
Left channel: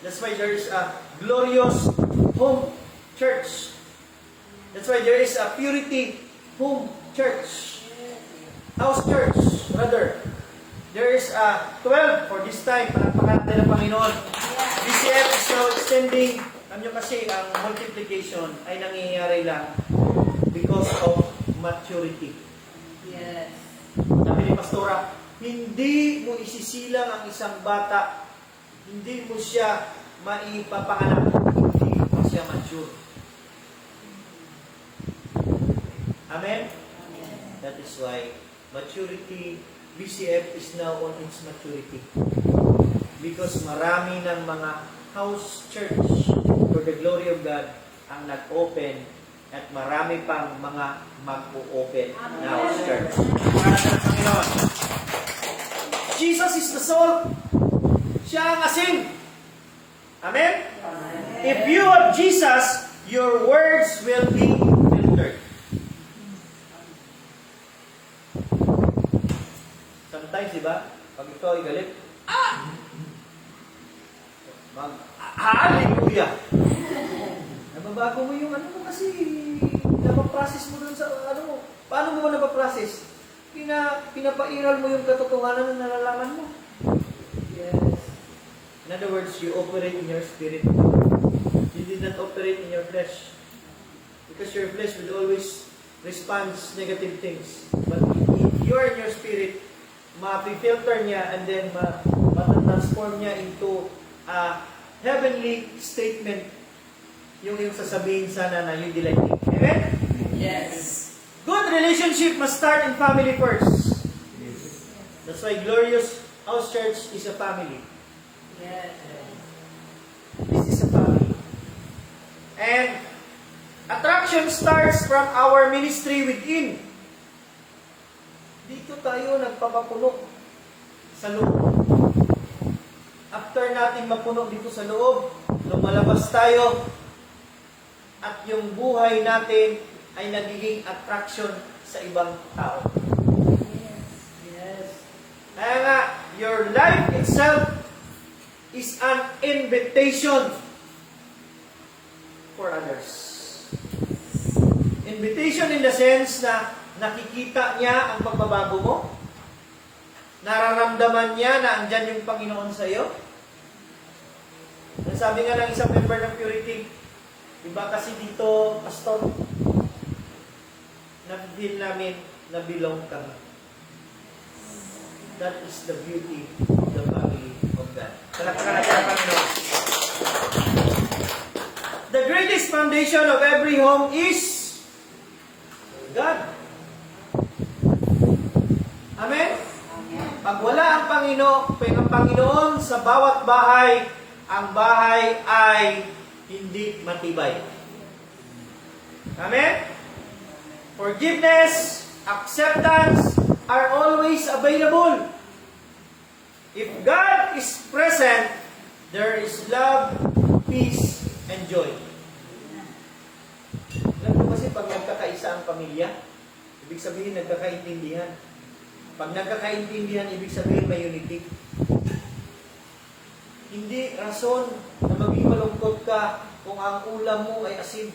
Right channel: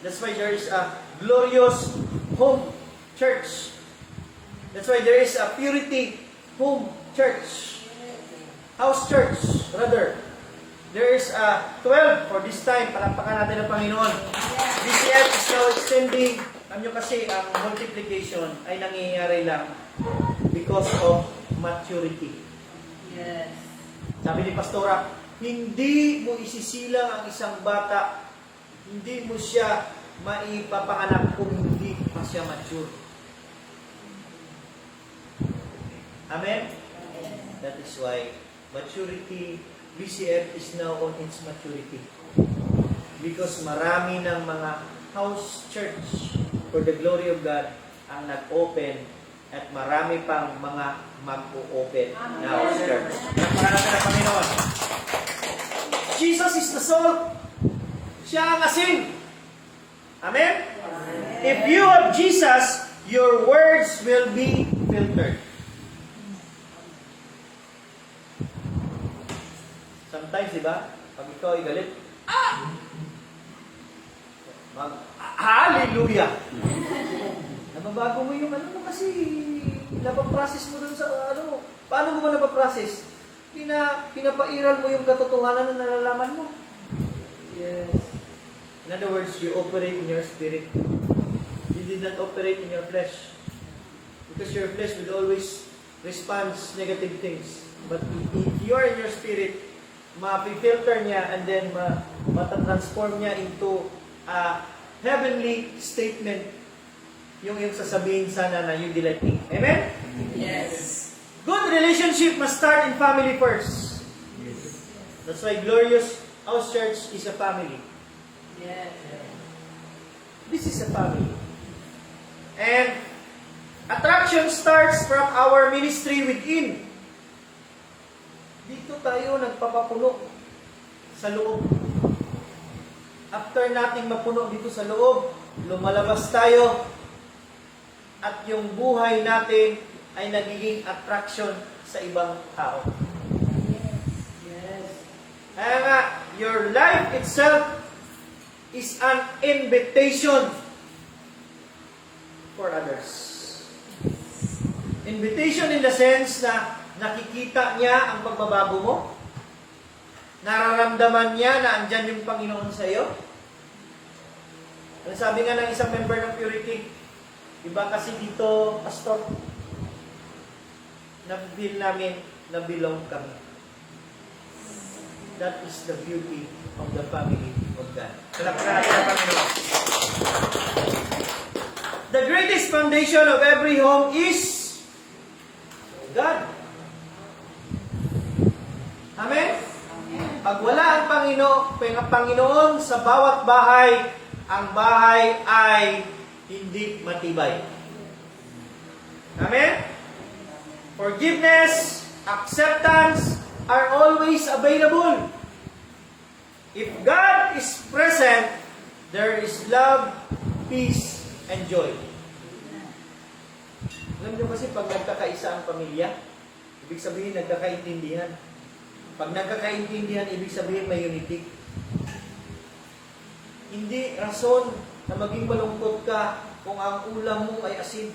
That's why there is a glorious home church. That's why there is a purity home church. House church, rather. There is a 12 for this time. Palakpakan natin ang Panginoon. BCF is now extending. Alam nyo kasi, ang multiplication ay nangyayari lang because of maturity. Yes. Sabi ni Pastora, hindi mo isisilang ang isang bata, hindi mo siya maipapanganak kung hindi pa siya mature. Amen? That is why maturity, BCF is now on its maturity. Because marami ng mga house church for the glory of God ang nag-open at marami pang mga mag-o-open na house church. Pagpapakalan natin ang Panginoon. Jesus is the salt. Siya ang asin. Amen? If you have Jesus, your words will be filtered. Sometimes, di ba? Pag ikaw ay galit, hallelujah! Nababago mo yung ano mo kasi napaprocess mo dun sa ano mo. Paano mo ba napaprocess? Pinapairal mo yung katotohanan na nalalaman mo. Yes. In other words, you operate in your spirit. You did not operate in your flesh. Because your flesh would always respond to negative things. But if you are in your spirit, ma-filter niya and then ma-transform niya into a heavenly statement yung sasabihin sana na you delighting. Amen? Yes. Good relationship must start in family first. Yes. That's why Glorious House Church is a family. Yes. This is a family. And attraction starts from our ministry within. Dito tayo nagpapapuno sa loob. After nating mapuno dito sa loob, lumalabas tayo at yung buhay natin ay nagiging attraction sa ibang tao. Yes. Kaya nga, your life itself is an invitation for others. Invitation in the sense na nakikita niya ang pagbabago mo, nararamdaman niya na andyan yung Panginoon sa iyo. Ang sabi nga ng isang member ng Purity, iba kasi dito, Pastor, na-feel namin na belong kami. That is the beauty of the family of God. Palakpakan natin ang Panginoon. The greatest foundation of every home is God. Amen? Pag wala ang Panginoon sa bawat bahay, ang bahay ay hindi matibay. Amen? Forgiveness, acceptance are always available. If God is present, there is love, peace, and joy. Alam mo kasi pag nagkakaisa ang pamilya, ibig sabihin nagkakaintindihan. Pag nagkakaintindihan, ibig sabihin may unity. Hindi rason na maging malungkot ka kung ang ulam mo ay asin.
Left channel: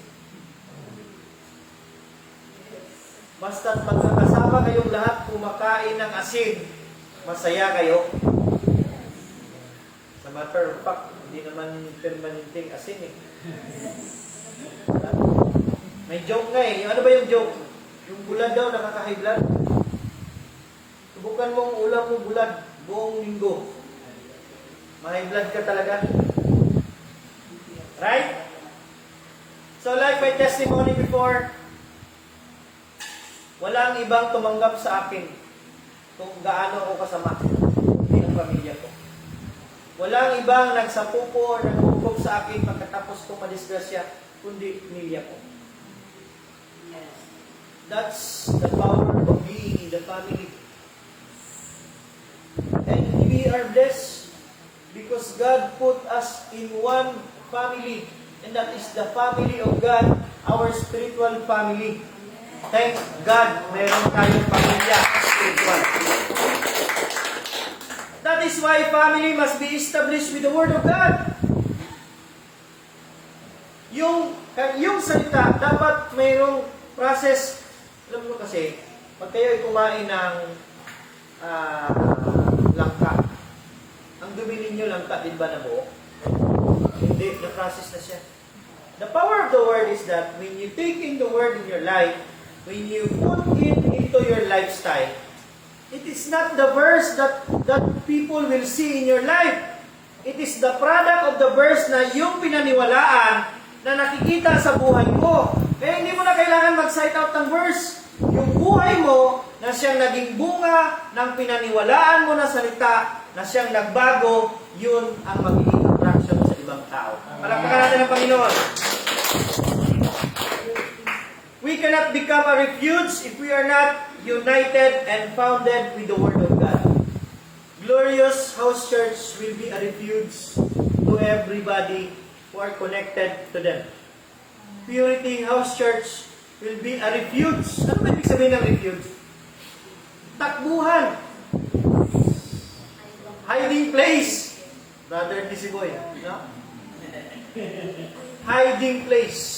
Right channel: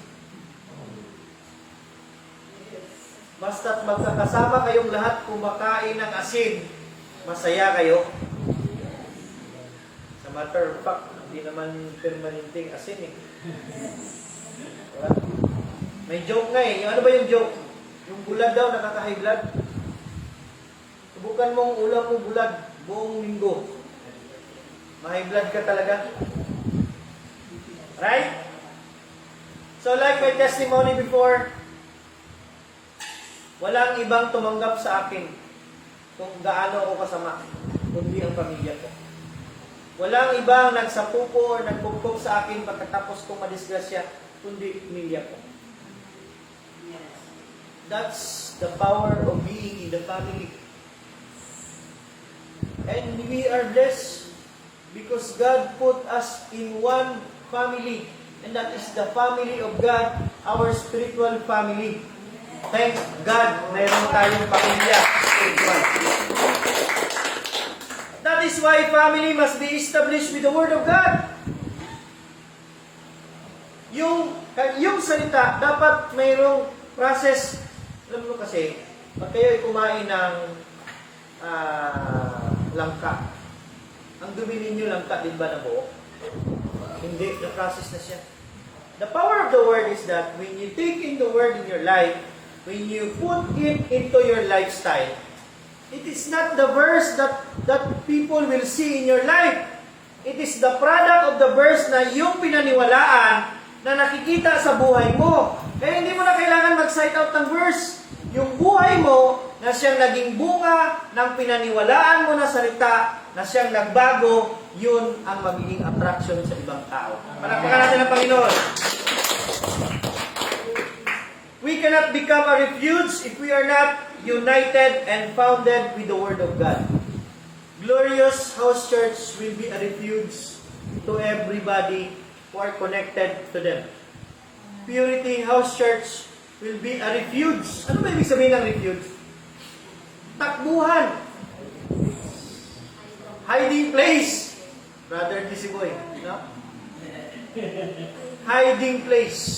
Basta't magkakasama kayong lahat kumakain ng asin, masaya kayo. Sa matter of fact, hindi naman permanenteng asin eh. Diba? May joke nga eh. Yung ano ba yung joke? Yung bulad daw nakaka-high blood. Subukan mong ulam mo bulad buong linggo. Ma-high blood ka talaga. Right? So like my testimony before, walang ibang tumanggap sa akin kung gaano ako kasama, kundi ang pamilya ko. Walang ibang nagsapupo o nagpupok sa akin pagkatapos kong madisgrasya, kundi pamilya ko. That's the power of being in the family. And we are blessed because God put us in one family, and that is the family of God, our spiritual family. Thank God, mayroon tayong pamilya spiritual. That is why family must be established with the Word of God. Yung salita, dapat mayroong process. Alam mo kasi, pag kayo ay kumain ng langka, ang dumi ninyo langka, din ba na buo? Hindi, the process na siya. The power of the Word is that when you take in the Word in your life, when you put it into your lifestyle, it is not the verse that people will see in your life. It is the product of the verse na yung pinaniwalaan na nakikita sa buhay mo. Kaya hindi mo na kailangan mag-cite out ng verse. Yung buhay mo na siyang naging bunga ng pinaniwalaan mo na salita, na siyang nagbago, yun ang magiging attraction sa ibang tao. Palakpakan natin ang Panginoon. We cannot become a refuge if we are not united and founded with the Word of God. Glorious House Church will be a refuge to everybody who are connected to them. Purity House Church will be a refuge. Ano ba ibig sabihin ng refuge? Takbuhan. Hiding place. Brother Tisiboy, no? Hiding place.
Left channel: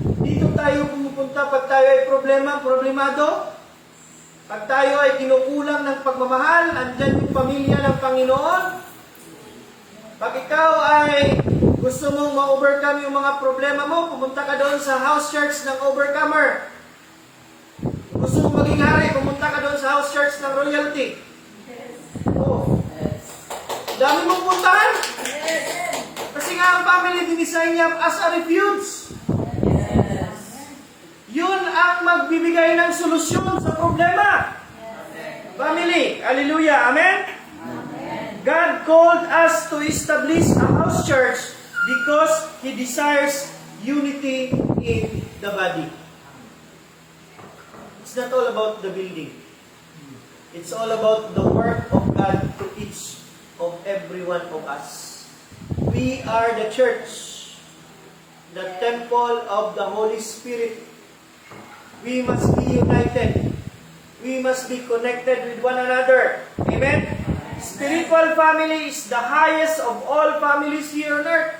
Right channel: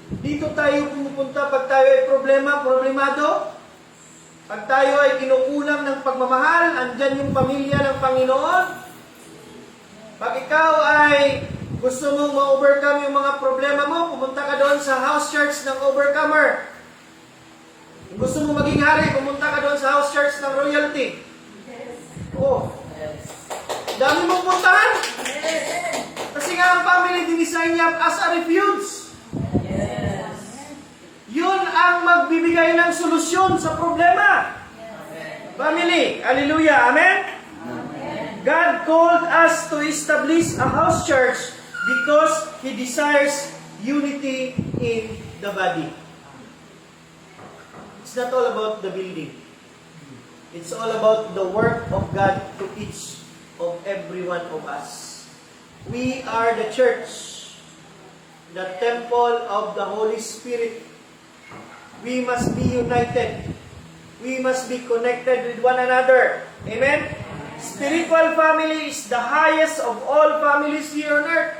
Dito tayo pumupunta pag tayo ay problemado. Pag tayo ay kinukulang ng pagmamahal, andyan yung pamilya ng Panginoon. Pag ikaw ay gusto mong ma-overcome yung mga problema mo, pumunta ka doon sa house church ng overcomer. Gusto mong maging hari, pumunta ka doon sa house church ng royalty. Oh. Dami mong puntahan. Kasi nga ang family dinisign niya as a refuge. Yun ang magbibigay ng solusyon sa problema. Family, hallelujah, amen? God called us to establish a house church because He desires unity in the body. It's not all about the building. It's all about the work of God to each of every one of us. We are the church, the temple of the Holy Spirit. We must be united. We must be connected with one another. Amen? Spiritual family is the highest of all families here on earth.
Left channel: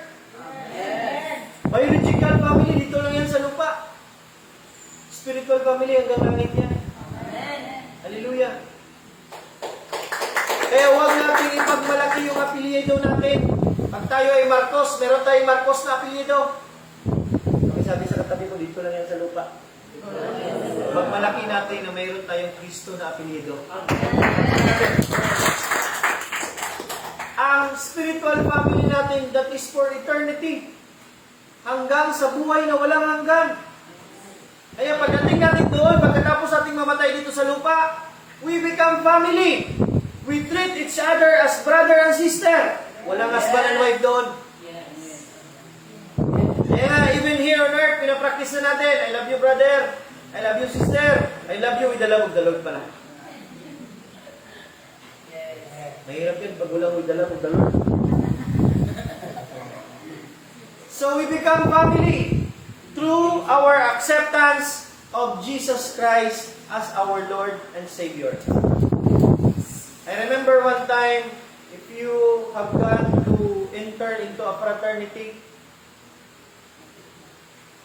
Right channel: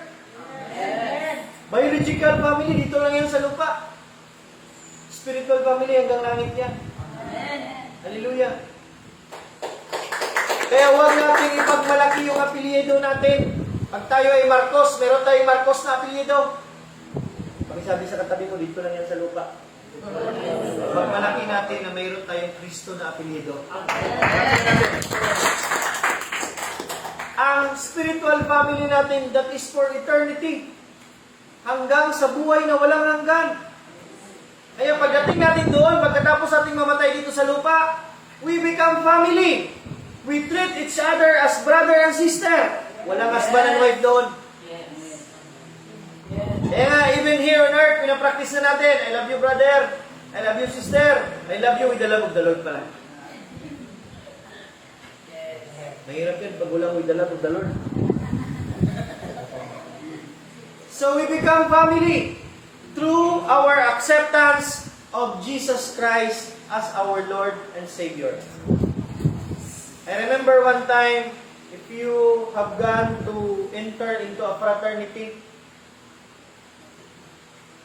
Amen. Biological family, dito lang yan sa lupa. Spiritual family, hanggang langit yan. Amen. Hallelujah. Kaya huwag natin ipagmalaki yung apelyido natin. Pag tayo ay Marcos, meron tayong Marcos na apelyido. Pakisabi sa katabi mo, dito lang yan sa lupa. Pagmalaki natin na mayroon tayong Kristo na apelyido. Ang spiritual family natin, that is for eternity. hanggang sa buhay na walang hanggan. Kaya pagdating natin doon, pagkatapos ating mamatay dito sa lupa, we become family. We treat each other as brother and sister. Walang husband and wife doon. Kaya nga, even here on earth, pinapractice na natin, I love you brother, I love you sister, I love you with the love of the Lord pala. Mahirap yun pag walang with the love of the Lord. So we become family through our acceptance of Jesus Christ as our Lord and Savior. I remember one time, if you have gone to enter into a fraternity,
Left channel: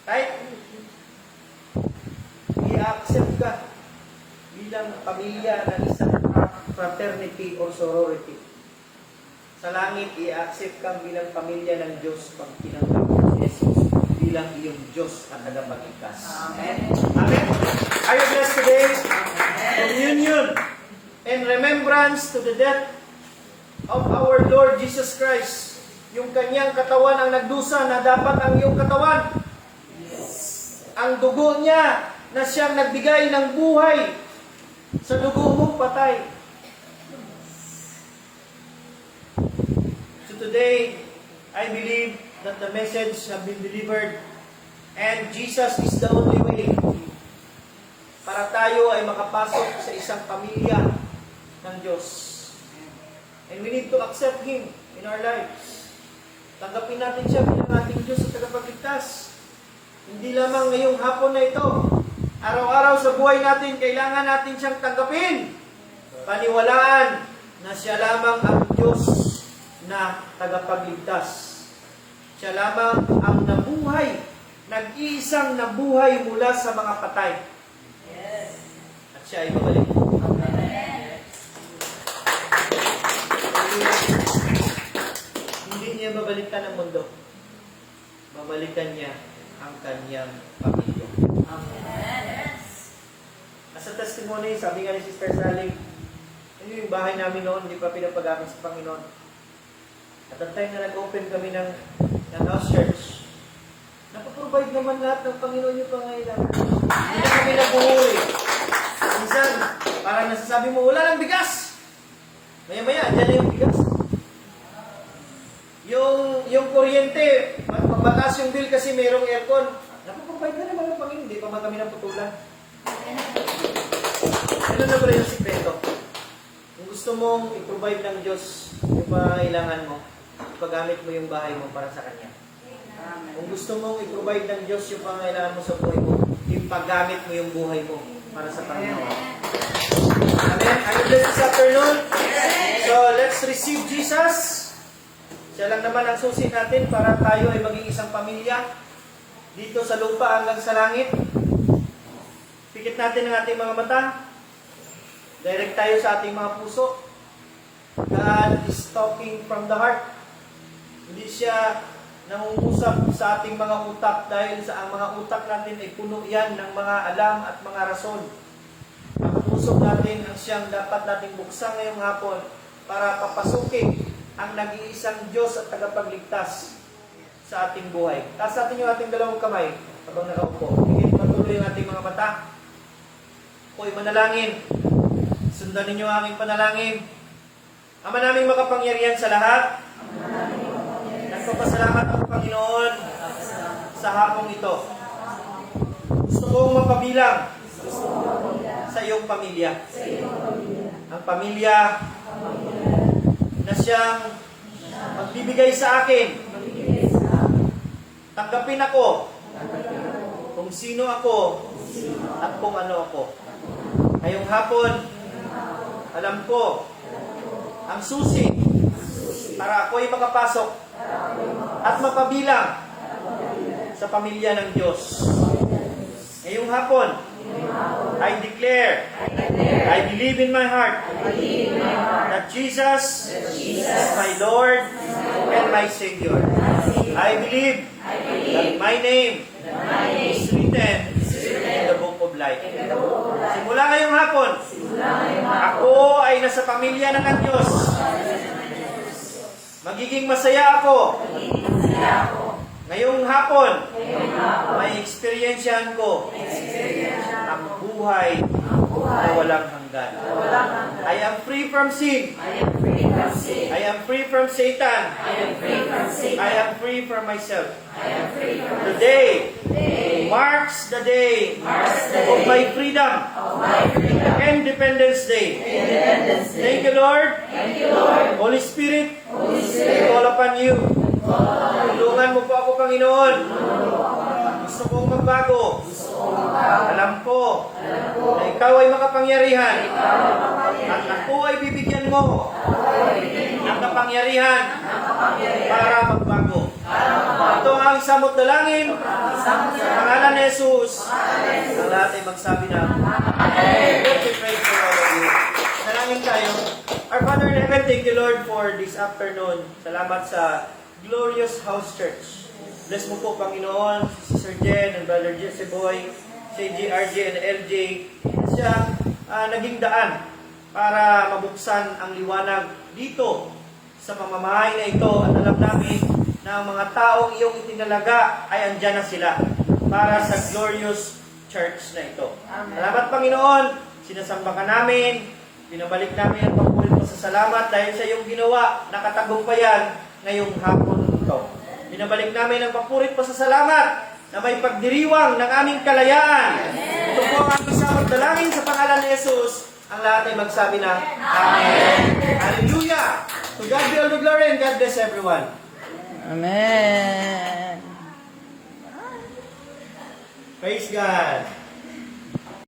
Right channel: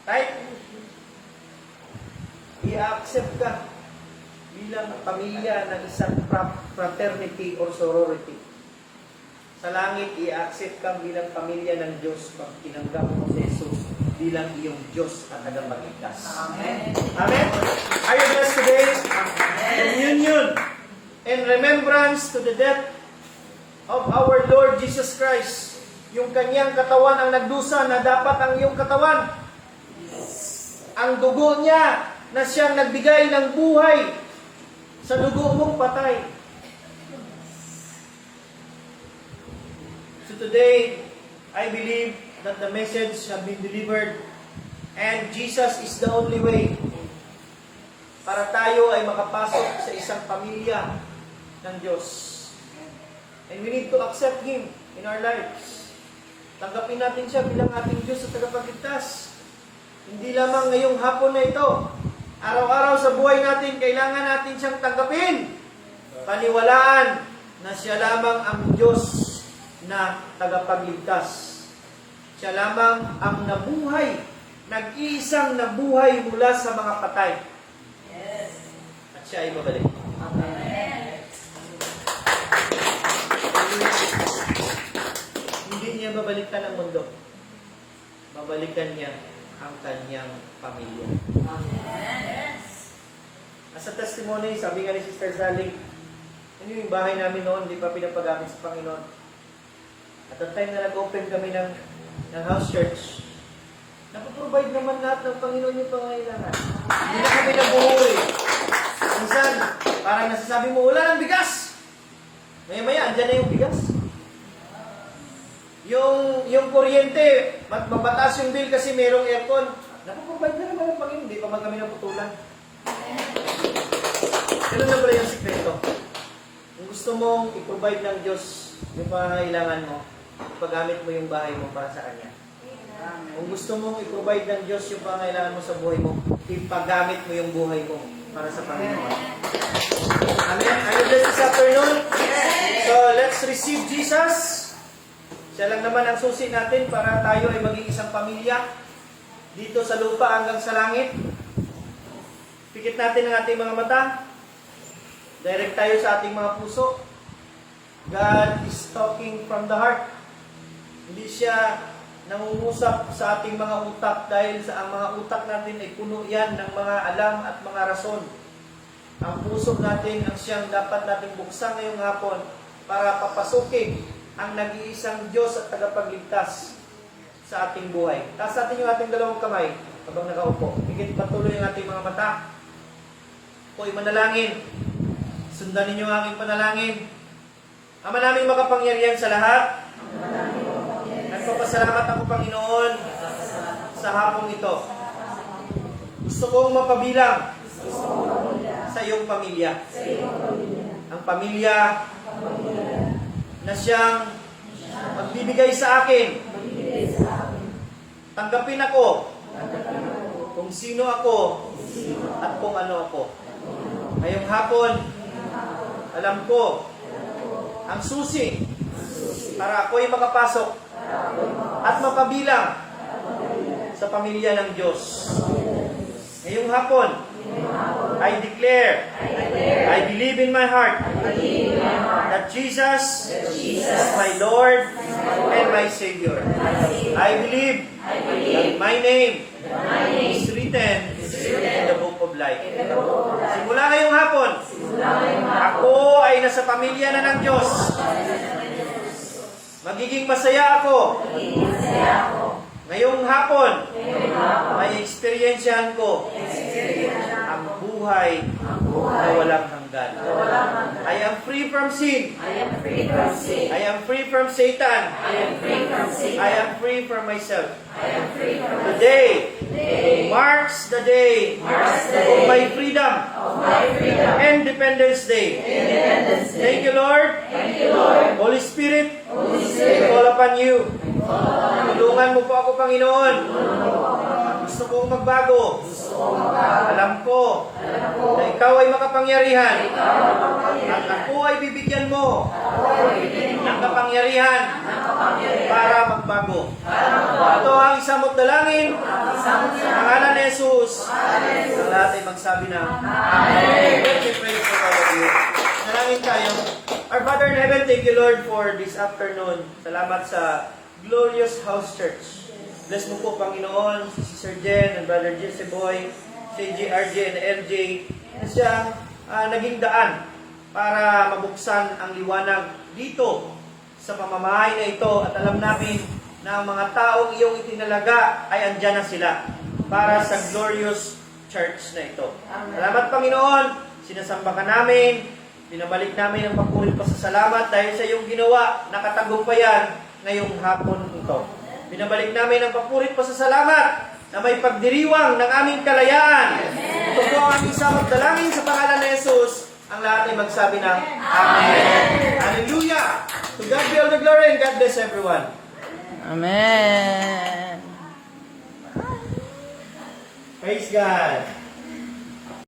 right? I-accept ka bilang pamilya ng isang fraternity or sorority. Sa langit, i-accept ka bilang pamilya ng Diyos pag tinanggap mo si Jesus bilang iyong Diyos at tagapagligtas. Amen. Amen? Are you blessed today? Communion and remembrance to the death of our Lord Jesus Christ. Yung kanyang katawan ang nagdusa na dapat ang iyong katawan. Ang dugo niya na siyang nagbigay ng buhay sa dugo mong patay. So today, I believe that the message have been delivered and Jesus is the only way para tayo ay makapasok sa isang pamilya ng Diyos. And we need to accept Him in our lives. Tanggapin natin siya bilang ating Diyos at tagapagligtas. Hindi lamang ngayong hapon na ito. Araw-araw sa buhay natin, kailangan natin siyang tanggapin. Paniwalaan na siya lamang ang Diyos na tagapagligtas. Siya lamang ang nabuhay, nag-iisang nabuhay mula sa mga patay. At siya ay babalik. Hindi niya babalikan ang mundo. Babalikan niya ang kanyang pamilya. As a testimony, sabi nga ni Sister Sally, ano yung bahay namin noon, hindi pa pinapagamit sa Panginoon. At ang time na nag-open kami ng house church, napaprovide naman lahat ng Panginoon yung pangailangan. Hindi na kami nabuhui. Minsan, parang nasasabi mo, wala ng bigas. Maya-maya, andyan na yung bigas. Yung kuryente, mapataas yung bill kasi merong aircon. Napaprovide na naman ng Panginoon, hindi pa man kami naputulan. Ganun na pala yung sikreto. Kung gusto mong i-provide ng Diyos yung pangailangan mo, ipagamit mo yung bahay mo para sa Kanya. Kung gusto mong i-provide ng Diyos yung pangailangan mo sa buhay mo, ipagamit mo yung buhay mo para sa Panginoon. Amen? Are you blessed this afternoon? So, let's receive Jesus. Siya lang naman ang susi natin para tayo ay maging isang pamilya dito sa lupa hanggang sa langit. Pikit natin ang ating mga mata. Direct tayo sa ating mga puso. God is talking from the heart. Hindi siya nangungusap sa ating mga utak dahil sa ang mga utak natin ay puno yan ng mga alam at mga rason. Ang puso natin ang siyang dapat nating buksan ngayong hapon para papasukin ang nag-iisang Diyos at tagapagligtas sa ating buhay. Taas natin yung ating dalawang kamay habang nakaupo. Higit patuloy ang ating mga mata. Ako'y manalangin. Sundan ninyo ang aking panalangin. Ama naming makapangyarihan sa lahat, nagpapasalamat ako, Panginoon, sa hapong ito. Gusto kong mapabilang sa iyong pamilya. Ang pamilya na siyang magbibigay sa akin. Tanggapin ako kung sino ako at kung ano ako. Ngayong hapon, alam ko ang susi para ako'y makapasok at mapabilang sa pamilya ng Diyos. Ngayong hapon, I declare, I believe in my heart that Jesus is my Lord and my Savior. I believe that my name is written in the book of life. Simula ngayong hapon, ako ay nasa pamilya na ng Diyos. Magiging masaya ako Ngayong hapon, may experiensyahan ko ang buhay na walang hanggan. I am free from sin. I am free from Satan. I am free from myself. Today marks the day of my freedom. Independence Day. Thank you, Lord. Holy Spirit, I call upon you. Tulungan mo po ako, Panginoon. Gusto kong magbago. Alam ko na ikaw ay makapangyarihan at ako ay bibigyan mo ng kapangyarihan para magbago. Ito ang isang dalangin sa pangalan ni Jesus. Ang lahat ay magsabi na Amen. Let me pray for all of you. Dalangin tayo. Our Father in Heaven, thank you, Lord, for this afternoon. Salamat sa Glorious House Church. Bless mo po, Panginoon, si Sister Jen and Brother Jesse Boy, si JRJ and LJ, na siyang naging daan para mabuksan ang liwanag dito sa pamamahay na ito. At alam namin na ang mga taong iyong itinalaga ay andyan na sila para sa Glorious Church na ito. Salamat, Panginoon, sinasamba ka namin, binabalik namin ang papurit pasasalamat dahil sa iyong ginawa na katagumpayan ngayong hapon ito. Binabalik namin ang papurit pasasalamat na may pagdiriwang ng aming kalayaan. Ito po ang aming samot dalangin sa pangalan ni Jesus. Ang lahat ay magsabi ng Amen. Hallelujah! To God be all the glory and God bless everyone. Amen. Praise God!